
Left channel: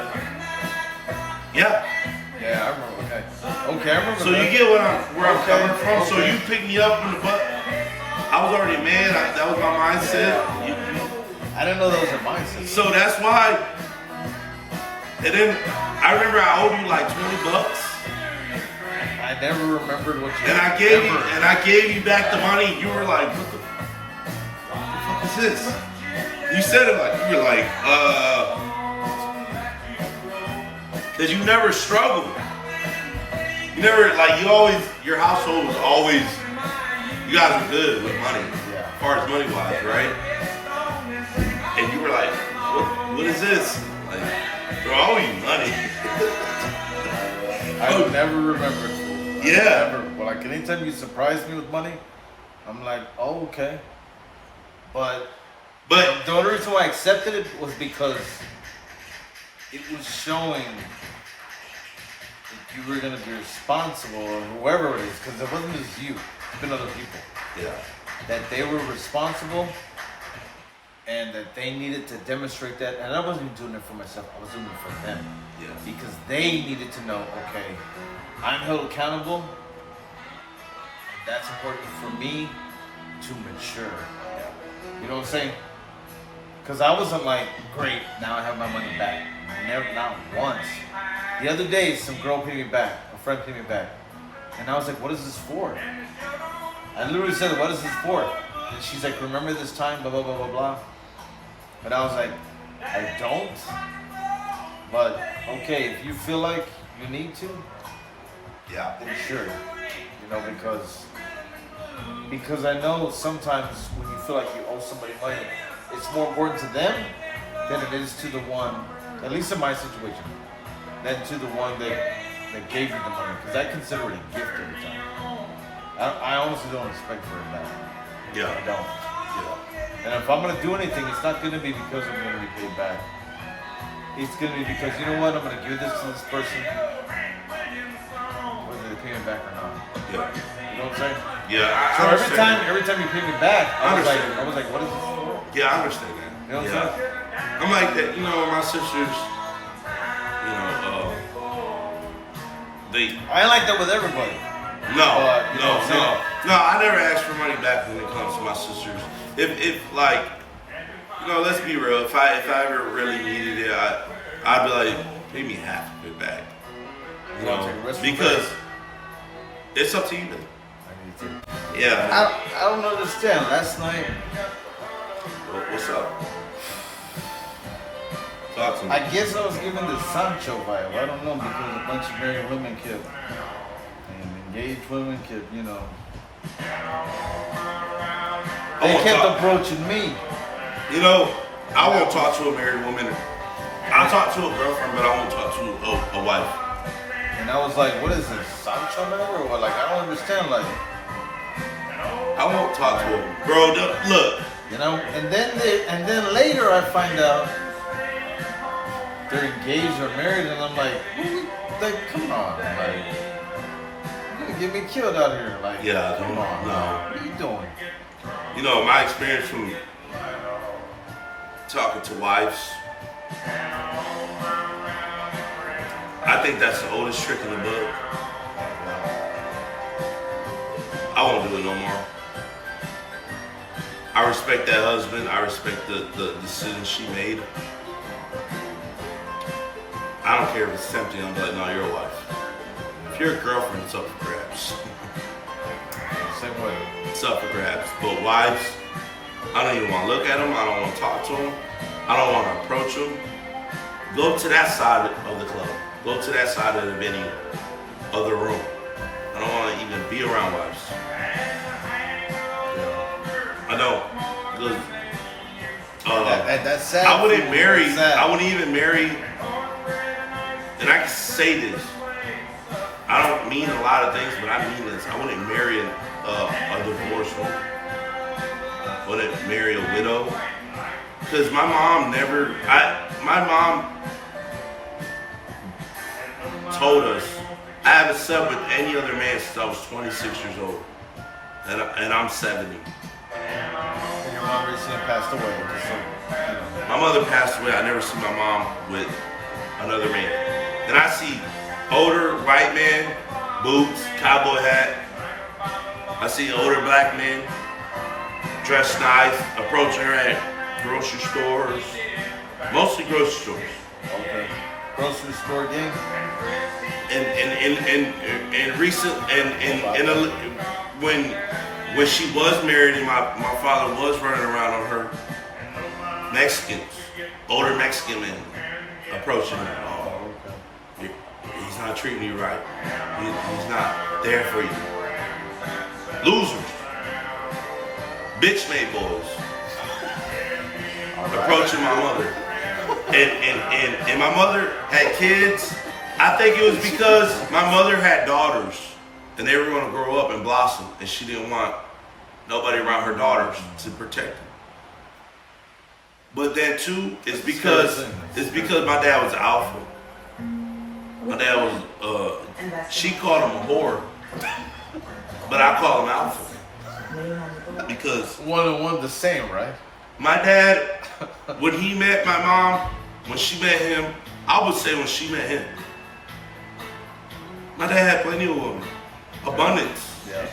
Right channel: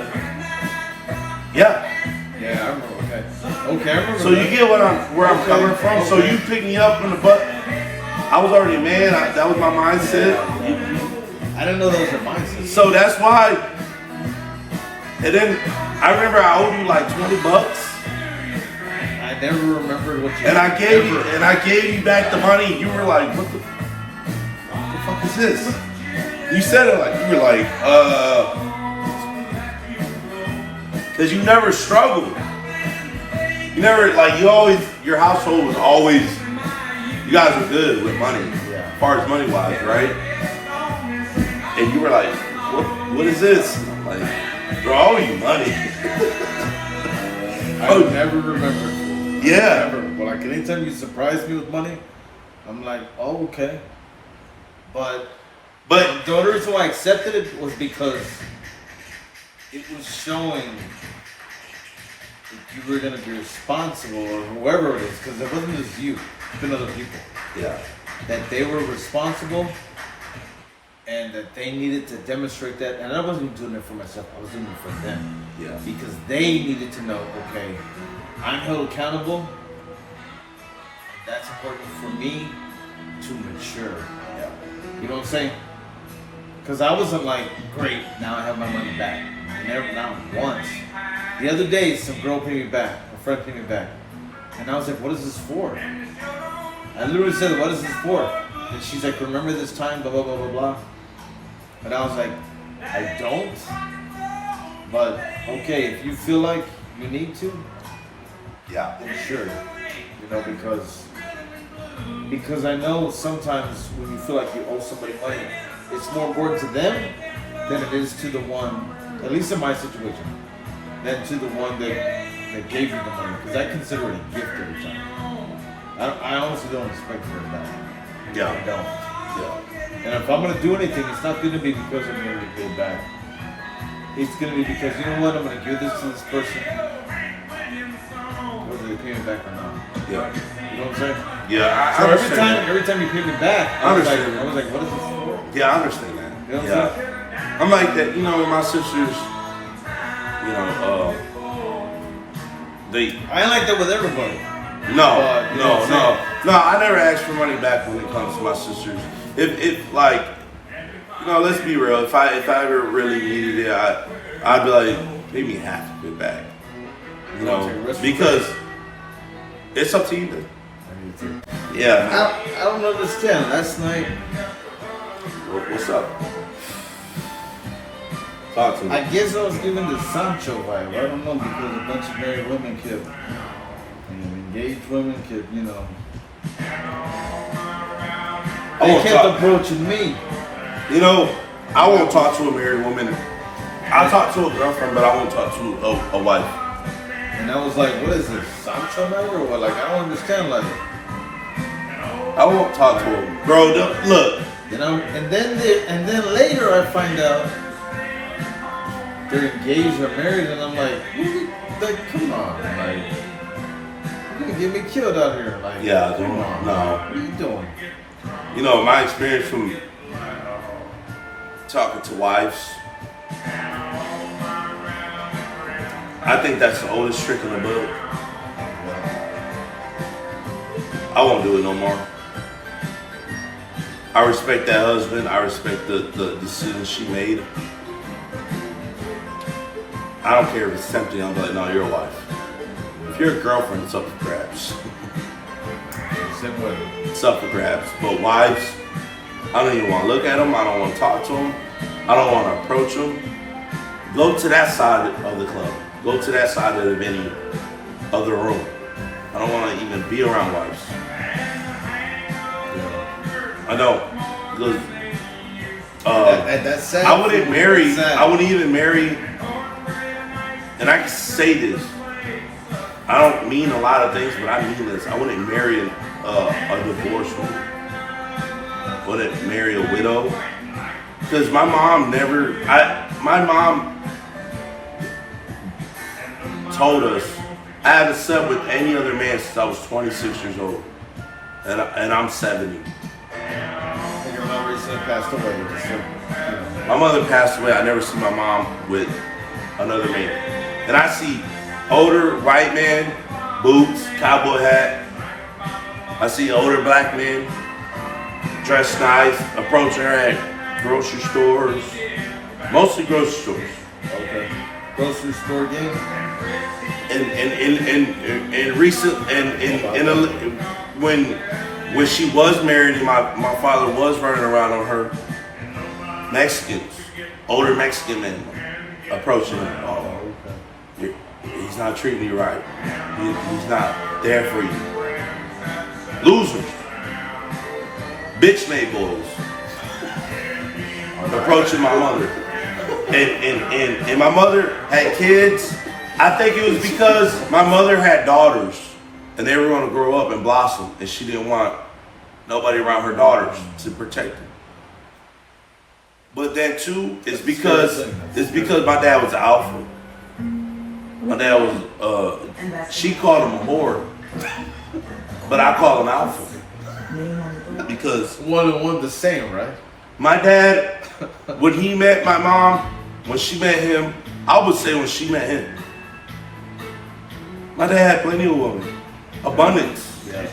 yeah. Yeah, I remember. Okay, I remember. So you get where I'm coming from. So you picked me up in the butt. I was already a man. That was my mindset. I didn't know that was your mindset. So that's why. And then I remember I owed you like $20, I never remembered what you. and I gave you back the money. You were like, what the fuck is this? You said it like you were like, because you never struggled. You never like your household was always. You guys were good with money, as far as money wise, right? And you were like, what is this? And I'm like, bro, I owe you money. I never remembered. Yeah. Never. But like anytime you surprise me with money, I'm like, oh, okay. But the only reason why I accepted it was because it was showing that you were gonna be responsible or whoever it is, because it wasn't just you, it's been other people. Yeah. That they were responsible and that they needed to demonstrate that. And I wasn't doing it for myself, I was doing it for them. Yeah. Because they needed to know, okay, I'm held accountable. That's important for me to mature. Yeah. You know what I'm saying? Because I wasn't like, great, now I have my money back. Never, not once. The other day, some girl paid me back, a friend paid me back. And I was like, what is this for? I literally said, what is this for? And she's like, remember this time, blah, blah, blah, blah, blah. And I was like, I don't. But, okay, if you feel like you need to, Yeah. then sure. You know, because I know sometimes when you feel like you owe somebody money, it's more important to them than it is to the one, at least in my situation, than to the one that gave you the money. Because I consider it a gift every time. I honestly don't expect for it back. Yeah. I don't. Yeah. And if I'm going to do anything, it's not going to be because I'm going to get paid back. it's gonna be because you know what, I'm gonna give this to this person, whether they pay me back or not. Yeah. You know what I'm saying? Yeah, I So understand. every time you pay me back, I was like, what is this for? Yeah, I understand that. You know what I'm Yeah. saying? I'm like that, you know, with my sisters, you know, they. I ain't like that with everybody. No, You know what I'm no. I never ask for money back when it comes to my sisters. If like, you know, let's be real. If I ever really needed it, I'd be like, pay me half of it back. You know, because it's up to you. Then. Yeah. I don't understand. Last night, What's up? Talk to me. I guess I was given the Sancho vibe. I don't know, because a bunch of married women kept, and engaged women kept, you know, they kept approaching me. You know, I won't talk to a married woman. I'll talk to a girlfriend, but I won't talk to a wife. And I was like, what is this, Sancho man? Or what? Like, I don't understand. Like, I won't talk to her. Bro, look. you know, and then later I find out they're engaged or married, and I'm like, come on, like, you're gonna get me killed out here. Like, Yeah, come on, no. What are you doing? You know, my experience from talking to wives, I think that's the oldest trick in the book. I won't do it no more. I respect that husband. I respect the decision she made. I don't care if it's tempting. I'm like, no, you're a wife. If you're a girlfriend, it's up for grabs. Same way. It's up for grabs. But wives, I don't even want to look at them. I don't want to talk to them. I don't want to approach them. Go to that side of the club. Go to that side of the venue, of the room. I don't want to even be around wives. I don't. Because that's sad. I wouldn't marry. I wouldn't even marry. And I can say this. I don't mean a lot of things, but I mean this. I wouldn't marry a divorced woman. I wouldn't marry a widow. Because my mom never. My mom told us I haven't slept with any other man since I was 26 years old, and I'm 70. Your mom recently passed away. Just so, you know. My mother passed away. I never see my mom with another man. And I see older white man, boots, cowboy hat. I see older black men, dressed nice, approaching her at grocery stores, mostly grocery stores. Okay. Grocery store game. And recent when she was married and my father was running around on her, Mexicans, older Mexican men approaching her. Oh, he's not treating you right. He's not there for you. Losers. Bitch made boys. Approaching my mother. And my mother had kids. I think it was because my mother had daughters and they were going to grow up and blossom, and she didn't want nobody around her daughters to protect them. But then too, it's because my dad was an alpha. My dad was she called him a whore, but I call him alpha. Because one and one the same, right? My dad, when he met my mom, when she met him, I would say when she met him, my dad had plenty of women, abundance. Yeah.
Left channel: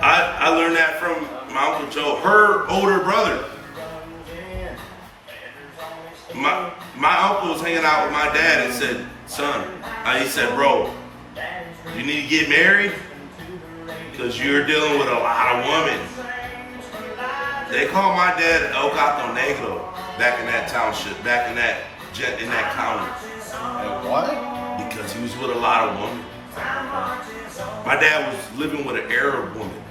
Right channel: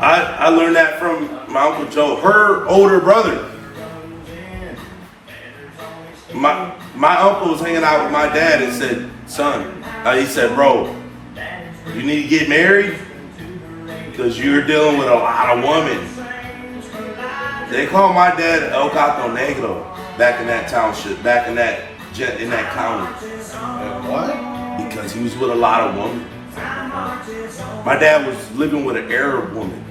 I learned that from my Uncle Joe, her older brother. My uncle was hanging out with my dad and said, son, he said, bro, you need to get married because you're dealing with a lot of women. They called my dad El Gato Negro back in that township, back in that county. What? Because he was with a lot of women. My dad was living with an Arab woman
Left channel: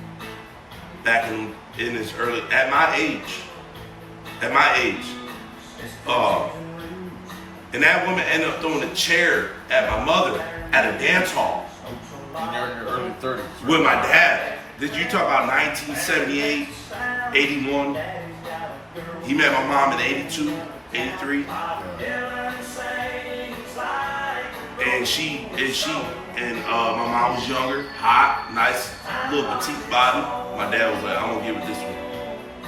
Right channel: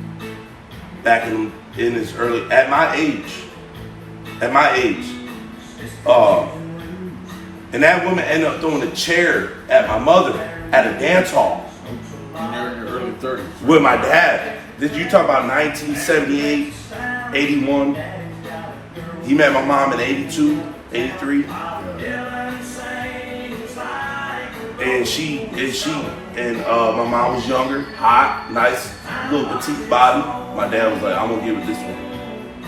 back in his early, at my age. And that woman ended up throwing a chair at my mother at a dance hall. When you're in your early 30s. With my dad. Did you talk about 1978, 81? He met my mom in 82, 83. and my mom was younger, hot, nice, little petite body. My dad was like, I'm gonna give her this one.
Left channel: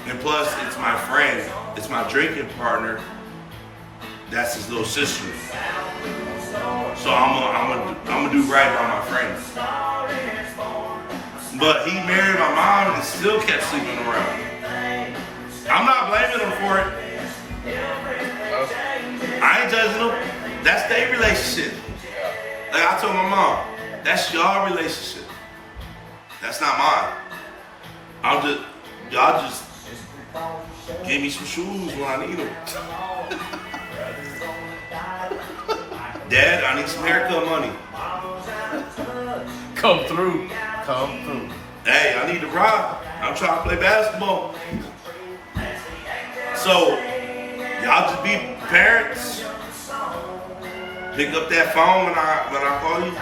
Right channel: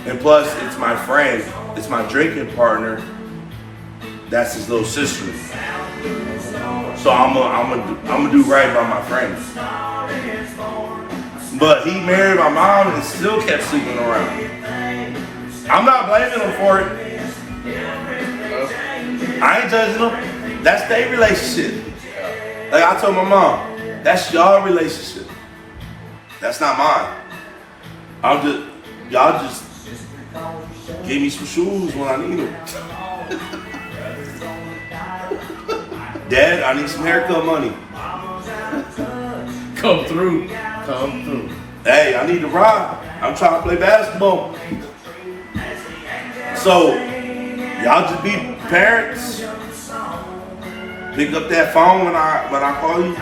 And plus, it's my friend, it's my drinking partner. That's his little sister. So I'm gonna do right by my friends. But he married my mom and still kept sleeping around. I'm not blaming him for it. I ain't judging them. That's their relationship. Like I told my mom, that's y'all relationship. That's not mine. Y'all just give me some shoes when I need them. Dad, I need some haircut money. Come through. Hey, I need to ride. I'm trying to play basketball. So, y'all just be parents. Pick up that phone when I call you.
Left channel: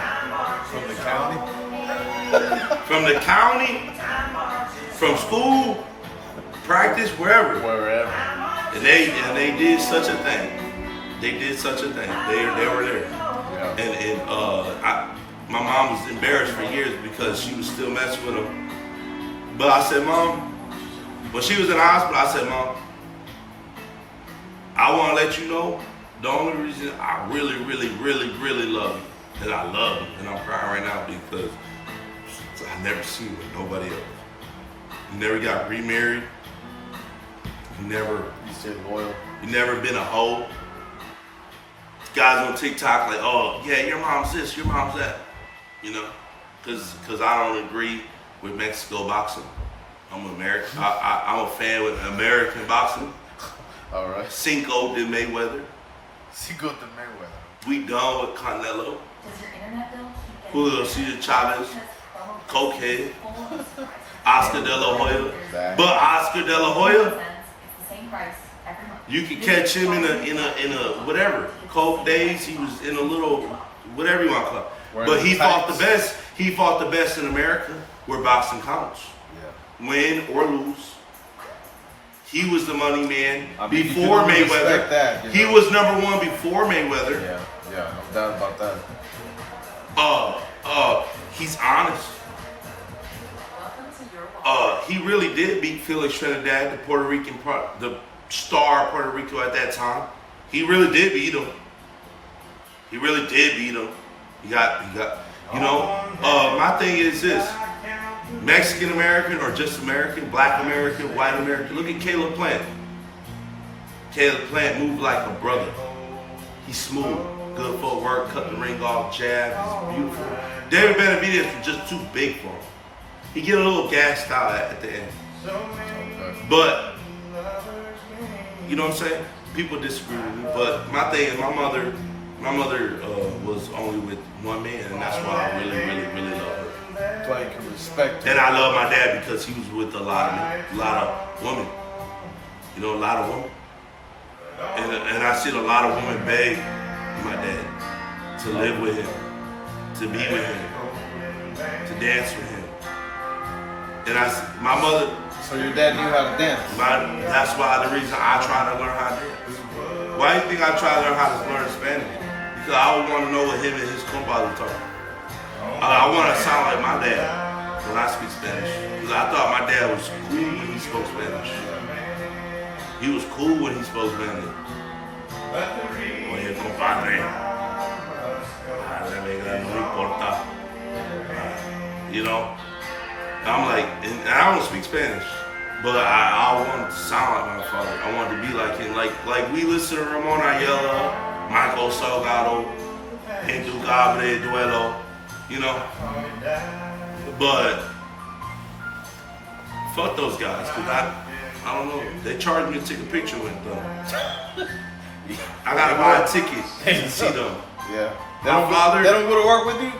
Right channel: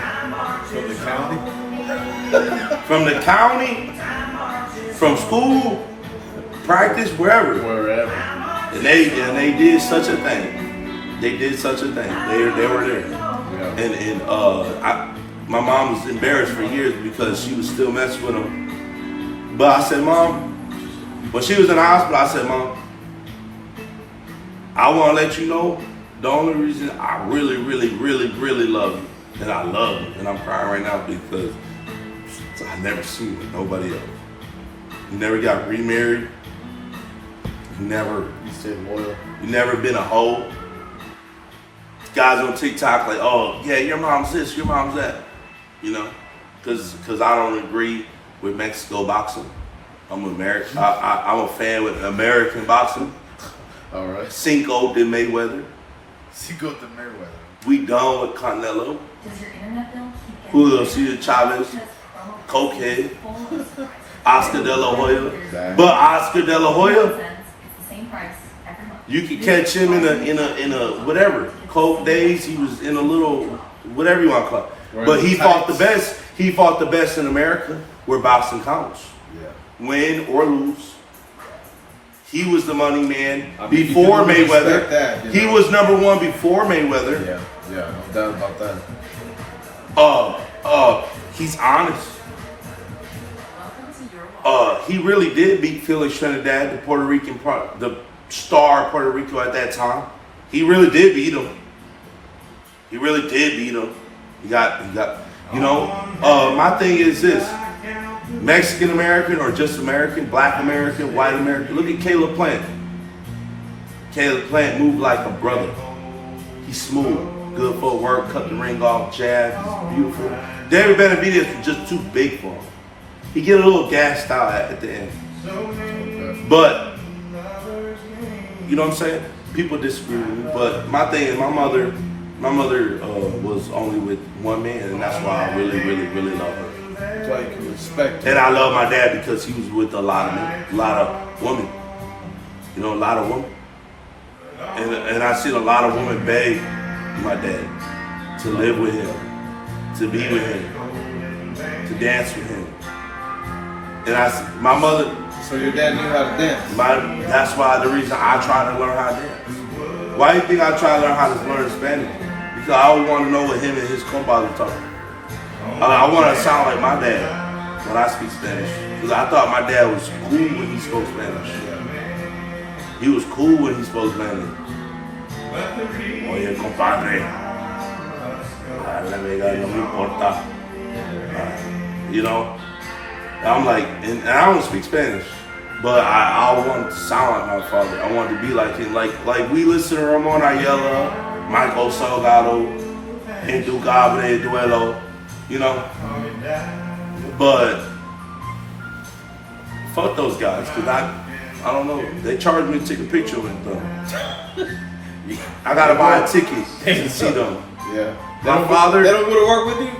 From the county, from school, practice, wherever. And they did such a thing. They did such a thing. They were there. Yeah. And my mom was embarrassed for years because she was still messing with him. But I said, Mom, when she was in the hospital, I said, Mom, I want to let you know the only reason I really, really, really, really love you, and I love you, and I'm crying right now because I never seen you with nobody else. You never got remarried. You stayed loyal. You never been a hoe. Guys on TikTok like, oh yeah, your mom's this, your mom's that, you know, because I don't agree with Mexico boxing. I'm I'm a fan with American boxing. All right. Cinco de Mayweather. We done with Canelo. Julio Cesar Chavez, cokehead, Oscar De La Hoya. But Oscar De La Hoya, you could catch him in a whatever coke days. He was in a little whatever you want to call it. But he fought the best. He fought the best in America where boxing counts. Yeah. Win or lose. He was the money man before Mayweather. That, he was number one before Mayweather. Yeah, no doubt about that. He's honest. He really did beat Felix Trinidad, the Puerto Rican the star of Puerto Rico at that time. He really did beat him. He got, you know, my thing is this. Mexican American or just American, black American, white American. Look at Caleb Plant. Caleb Plant moved like a brother. He's smooth, good footwork, cut the ring off, jab, he's beautiful. David Benavidez was just too big for him. He get a little gassed out at the end. But, you know what I'm saying? People disagree with me, but my thing is my mother was only with one man, and that's why I really, really, really love her. That's why you can respect her. And I love my dad because he was with a lot of women. You know, a lot of women. And I seen a lot of women beg my dad to live with him, to be with him, to dance with him. And my mother. So your dad knew how to dance? That's why the reason I try to learn how to dance. Why do you think I try to learn how to learn Spanish? Because I always want to know what him and his compadre talk. I want to sound like my dad when I speak Spanish. Because I thought my dad was cool when he spoke Spanish. He was cool when he spoke Spanish. Oye, compadre. La vega no me importa. You know? I'm like, and I don't speak Spanish. But I wanted to sound like my father. I wanted to be like him. Like we listen to Ramon Ayala, Michael Salgado, Intucable Duelo, you know. But fuck those guys, cause I don't know. They charge me to take a picture with them. I gotta buy a ticket to see them. Yeah. My father. They don't go to work with you?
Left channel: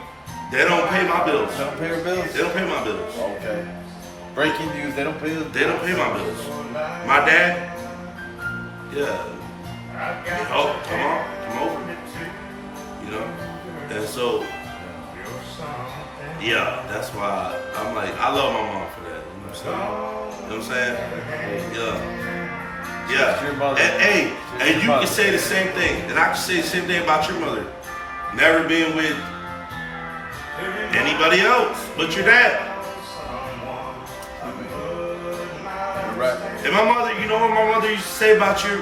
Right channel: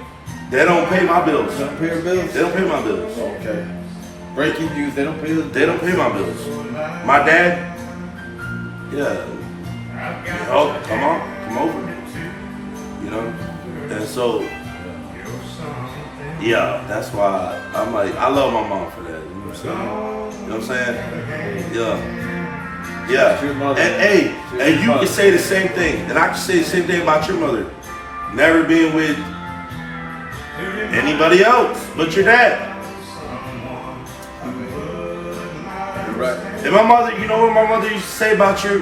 They don't pay my bills. They don't pay your bills? They don't pay my bills. Okay. Breaking news, they don't pay the bills. They don't pay my bills. My dad, yeah. Oh, come over. You know? And so, yeah, that's why I'm like, I love my mom for that. You know what I'm saying? Yeah. Yeah. And hey, and you can say the same thing. And I can say the same thing about your mother. never been with anybody else but your dad. Right. And my mother, you know what my mother used to say about your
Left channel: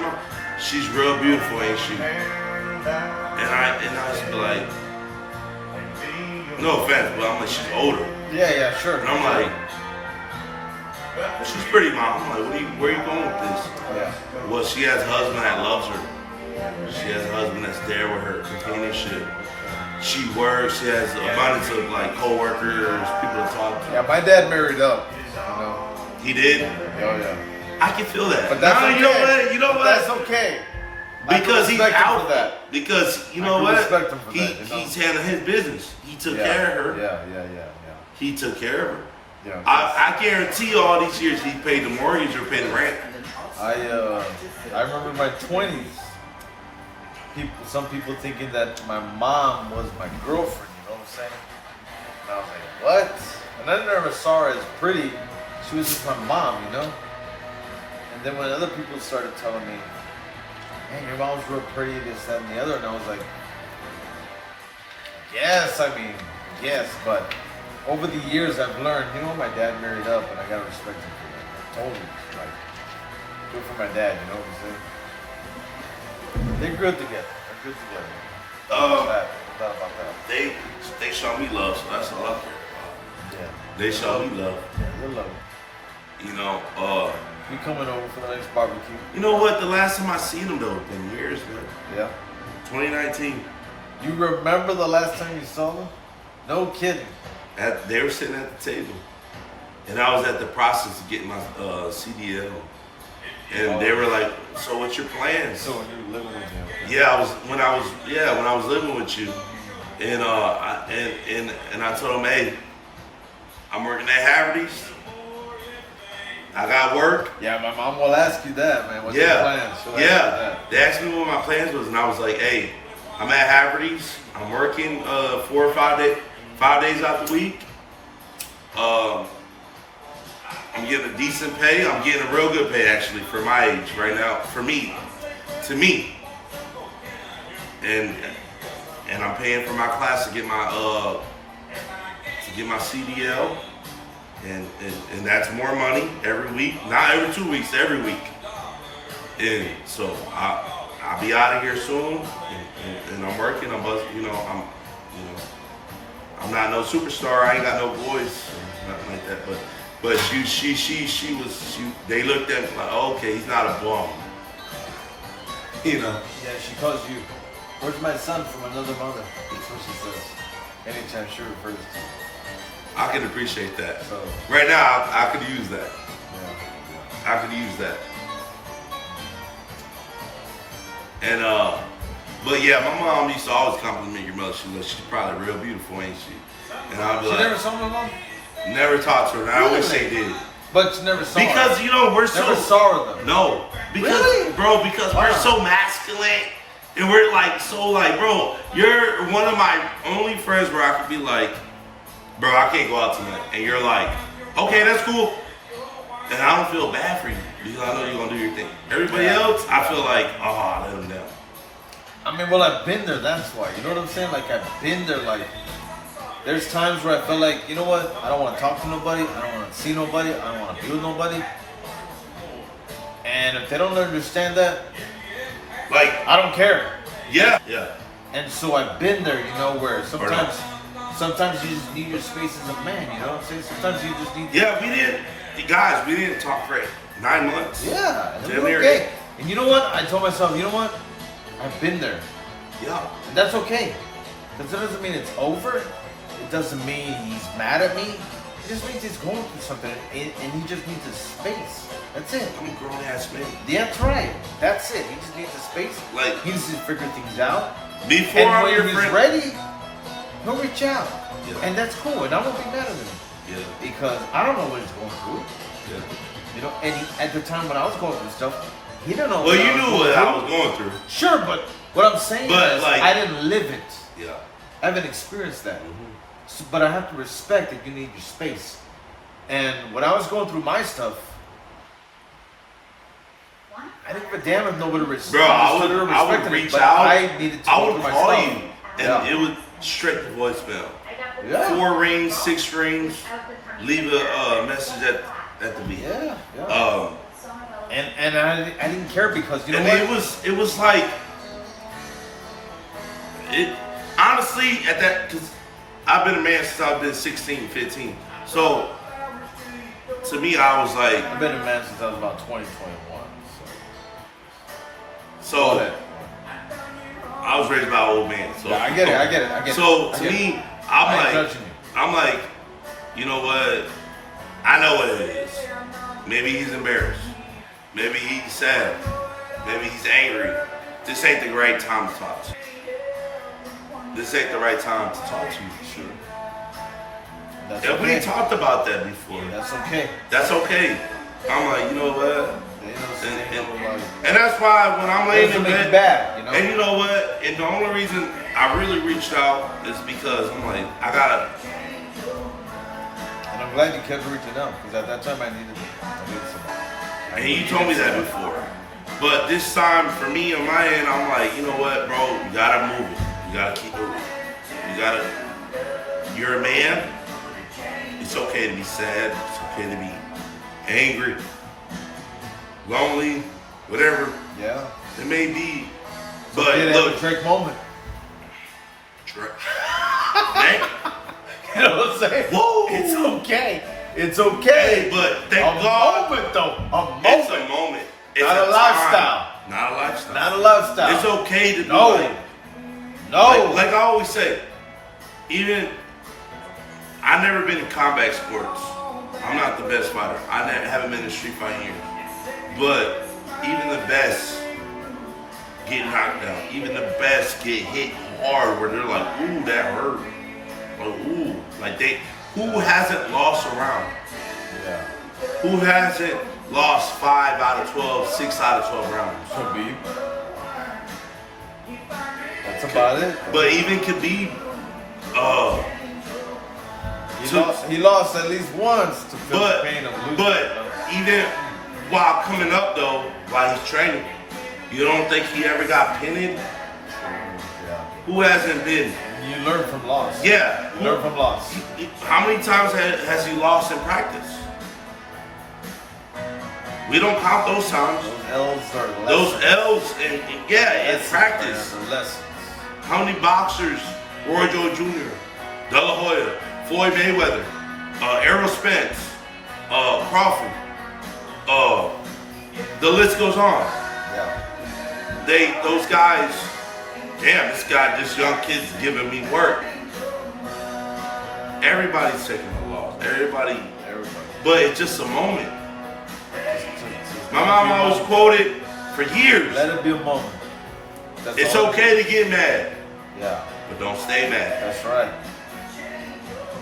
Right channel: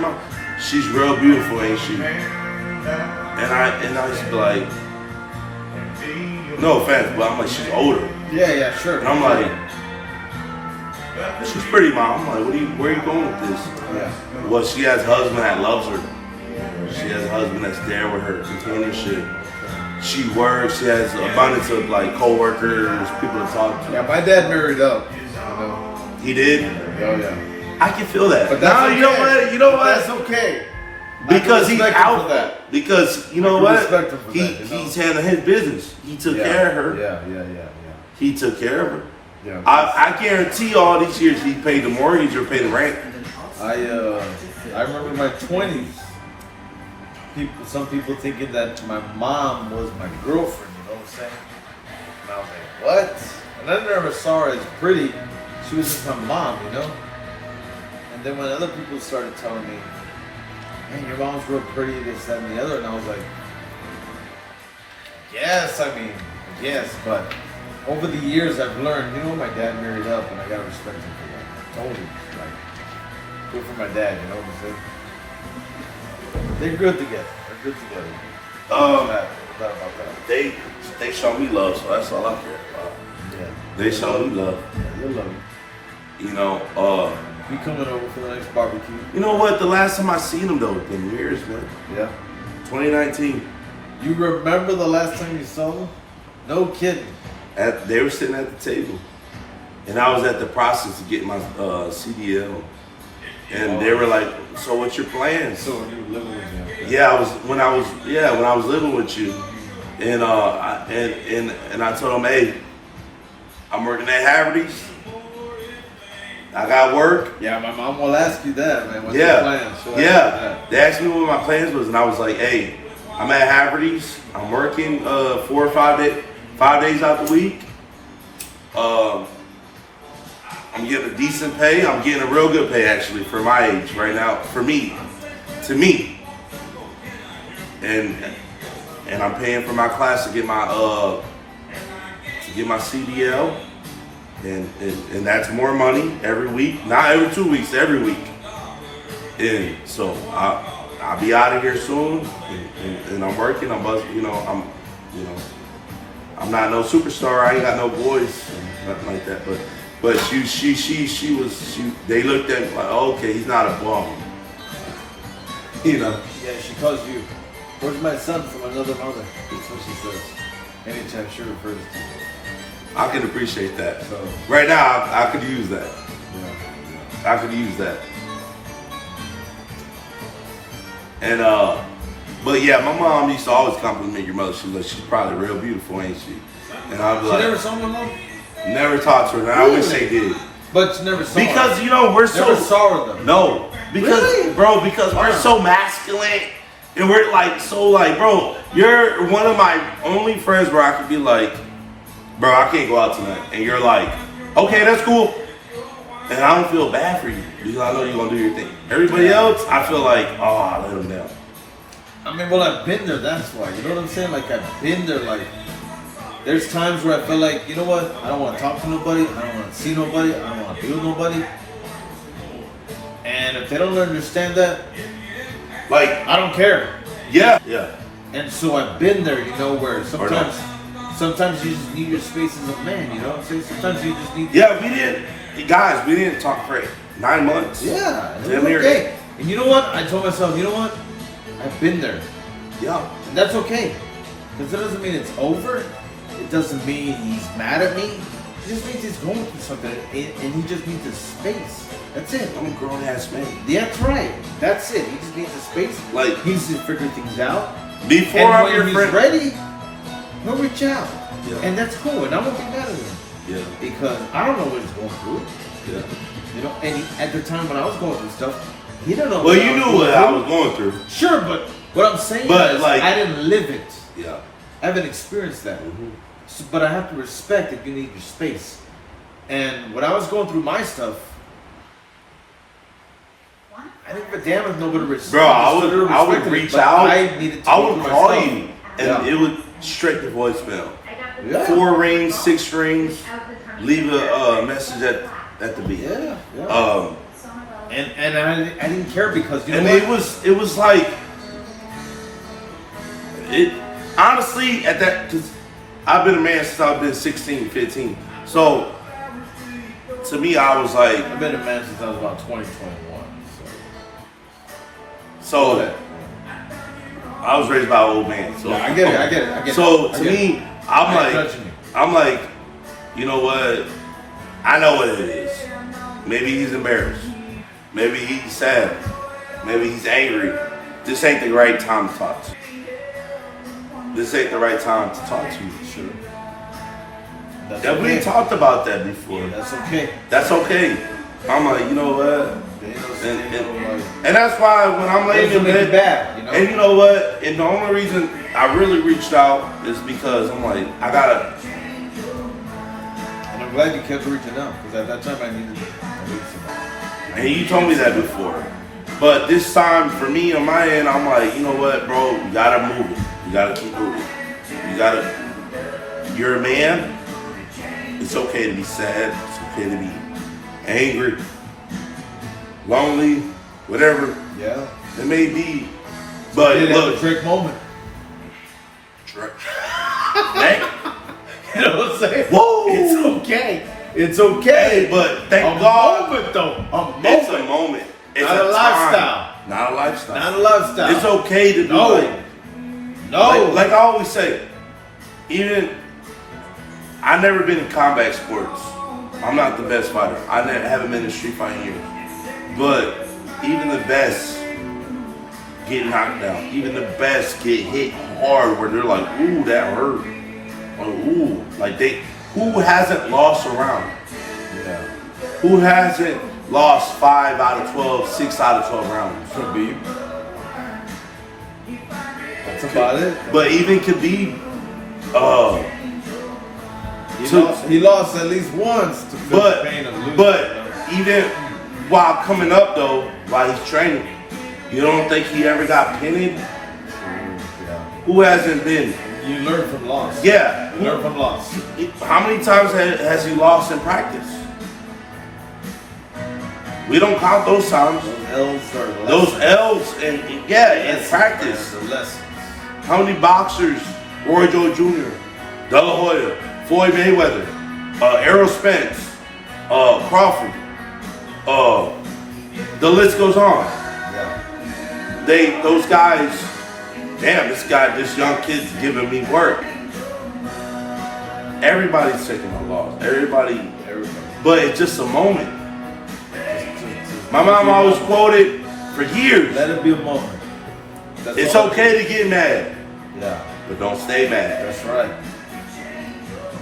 mom? She's real beautiful, ain't she? And I used to be like, no offense, but I'm like, she's older. Yeah, sure. And I'm like, she's pretty, mom. I'm like, where are you going with this? Yeah. Well, she has a husband that loves her. She has a husband that's there with her, companionship. She works. She has an abundance of like coworkers, people to talk to. Yeah, my dad married up. You know? He did. Oh yeah. I can feel that. But that's okay. You know what? You know what? That's okay. Because he's out. That. Because you know what? He's know? handling his business. He took care of her. Yeah. He took care of her. Yeah. I guarantee all these years he paid the mortgage or paid the rent. I remember my 20s. Some people thinking that my mom was my girlfriend. You know what I'm saying? And I was like, what? And I never saw her as pretty. She was just my mom, you know. And then when other people started telling me, "Man, your mom's real pretty," this, that, and the other, and I was like, yes, but over the years I've learned, you know, my dad married up, and I gotta respect him for that. Totally, like, good for my dad, you know what I'm saying? They're good together. They're good together. No doubt about that. They show me love, so that's all I care about. Yeah. They show me love. Yeah, you love it. You know, You coming over for the next barbecue? you know what? The last time I seen them though, it's been years, man. Yeah. 2019. You remember the last time you saw them? No kidding. They were sitting at the table, and I was at the process of getting my CDL, and they were like, "So what's your plans?" So you were living with him? Yeah, when I was living with you, and I told them, "Hey, I'm working at Haverty's. I got work." Yeah, my mom will ask you that, man. What's your plans? They asked me what my plans was, and I was like, "Hey, I'm at Haverty's. I'm working 4 or 5 days, 5 days out the week. I'm getting a decent pay. I'm getting a real good pay actually for my age right now. For me, and I'm paying for my class to get my CDL, and that's more money every week. Not every 2 weeks, every week. And so I'll be out of here soon, and I'm working. I'm not no superstar. I ain't got no boys, nothing like that. But they looked at me like, oh, okay, he's not a bum. You know. Yeah, she calls you, "Where's my son from another mother?" That's what she says. Anytime she refers to you. I can appreciate that. So, right now, I could use that. yeah. I could use that. And but yeah, my mom used to always compliment your mother. She's like, she's probably real beautiful, ain't she? And I'd be She like, never saw my mom? never talked to her. And I wish they did. But you never saw her? Because you know we're so Never saw her though. no, because Really? bro, because we're so masculine, and we're like so like, bro, you're one of my only friends where I could be like, bro, I can't go out tonight, and you're like, okay, that's cool, and I don't feel bad for you because I know you're gonna do your thing. Everybody else, I feel like, oh, I let them down. I mean, well, I've been there, that's why. You know what I'm saying? Like, I've been there, like, there's times where I feel like, you know what? I don't want to talk to nobody. I don't want to see nobody. I don't want to be with nobody. And if they don't understand that, Like, I don't care. yeah. And so I've been there, you know, where sometimes you just need your space as a man, you know what I'm saying? Sometimes you just need... Yeah, we didn't talk for 9 months. Yeah, and it Damn was near. okay. And you know what? I told myself, you know what? I've been there. Yeah. And that's okay. Because that doesn't mean it's over. It doesn't mean he's mad at me. It just means he's going through something and he just needs a space. That's it. I'm a grown ass man. Yeah, that's right. That's it. He just needs a space. Like, he needs to figure things out. Before And I'm when your he's friend. ready, he'll reach out. Yeah. And that's cool. And I won't be mad at him. Yeah. Because I don't know what he's going through. Yeah. You know, and at the time when I was going through stuff, he didn't know Well, you knew what I was going through. Sure, but what I'm saying But, is like- I didn't live it. Yeah. I haven't experienced that. Mhm. So, but I have to respect that you need your space. And when I was going through my stuff, I didn't give a damn if nobody respected. Bro, I would reach out. I needed to I go would through my call stuff. you. and it was straight to voicemail. Yeah. 4 rings, 6 rings. Leave a message at the beat. Yeah. And I didn't care because you know what? it was like it honestly at that, because I've been a man since I've been 16, 15. So to me, I was like, I've been a man since I was about 20, 21. So I was raised by an old man. So yeah, I get it. So to me, I'm like, you know what? I know what it is. Maybe he's embarrassed. Maybe he's sad. Maybe he's angry. This ain't the right time to talk to you. This ain't the right time to talk to you. Sure. And we talked about that before. That's okay. That's okay. I'm like, you know what? And that's why when I'm laying in bed, and you know what? And the only reason I really reached out is because I'm like, I gotta. And I'm glad you kept reaching out because at that time I needed somebody. And you told me that before. But this time for me on my end, I'm like, you know what, bro? You gotta move it. You gotta keep moving. You're a man. It's okay to be sad. It's okay to be angry, lonely, whatever. Yeah. It may be. But look. Drake moment. Drake. You know what I'm saying? Whoa. It's okay. It's okay. Hey, but thank God. Moment though. A moment. It's a moment. It's Not a lifestyle. Not a lifestyle. Not a lifestyle. It's okay to do like I always say, even I've never been in combat sports. I'm not the best fighter. Haven't been in street fighting years. But even the best get knocked down. Even the best get hit hard where they're like, ooh, that hurt. Or ooh, who hasn't lost a round? Yeah. Who hasn't lost 5 out of 12, 6 out of 12 rounds? Khabib. That's about it. But even Khabib, he lost at least once to feel the pain of losing. But even while coming up though, while he's training, you don't think he ever got pinned? Yeah. Who hasn't been? You learn from loss. Yeah. You learn from loss. How many times has he lost in practice? We don't count those times. Those L's in practice. The lessons. How many boxers? Roy Jones Jr., De La Hoya, Floyd Mayweather, Errol Spence, Crawford. The list goes on. Yeah. Those guys. Damn, this young kid's giving me work. Everybody's taking a loss. Everybody. But it's just a moment. My mom always quoted for years. Let it be a moment. It's okay to get mad. Yeah. But don't stay mad. That's right.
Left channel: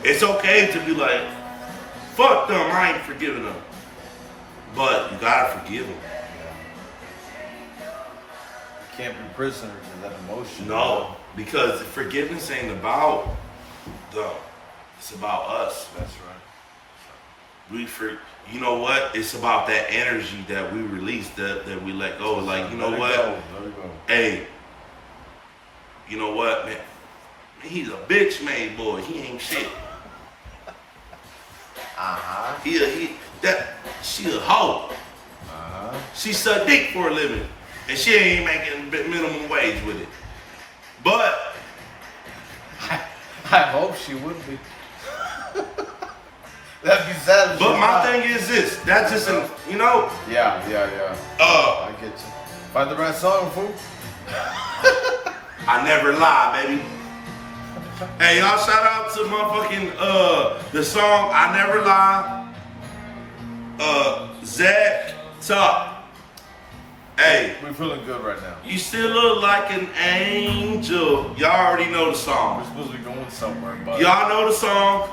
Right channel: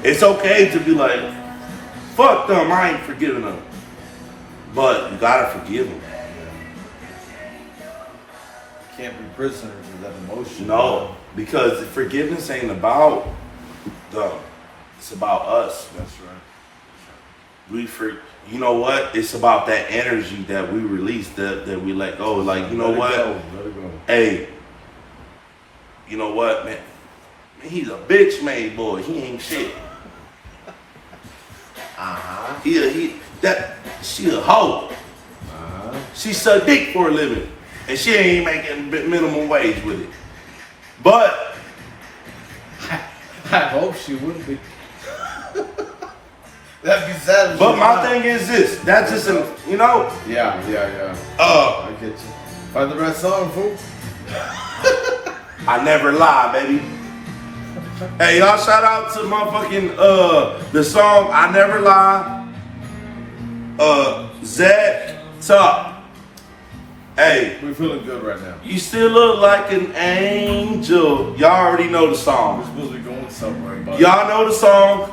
It's okay to be like, fuck them, I ain't forgiving them. But you gotta forgive them. Can't be prisoners of that emotion. No, because forgiveness ain't about them. It's about us. That's right. You know what? It's about that energy that we release, that we let go. Like, you know what? Let it go. Hey, you know what, man? He's a bitch made boy. He ain't shit. She's a hoe. She suck dick for a living. And she ain't making minimum wage with it. But I hope she would be. That'd be sad. But my thing is this. That's just Yeah. I get you. Find the right song, fool. I never lie, baby. Hey, y'all shout out to motherfucking the song I Never Lie. Zach Top. Hey, we're feeling good right now. You still look like an angel. Y'all already know the song. We're supposed to be going somewhere, buddy. Y'all know the song.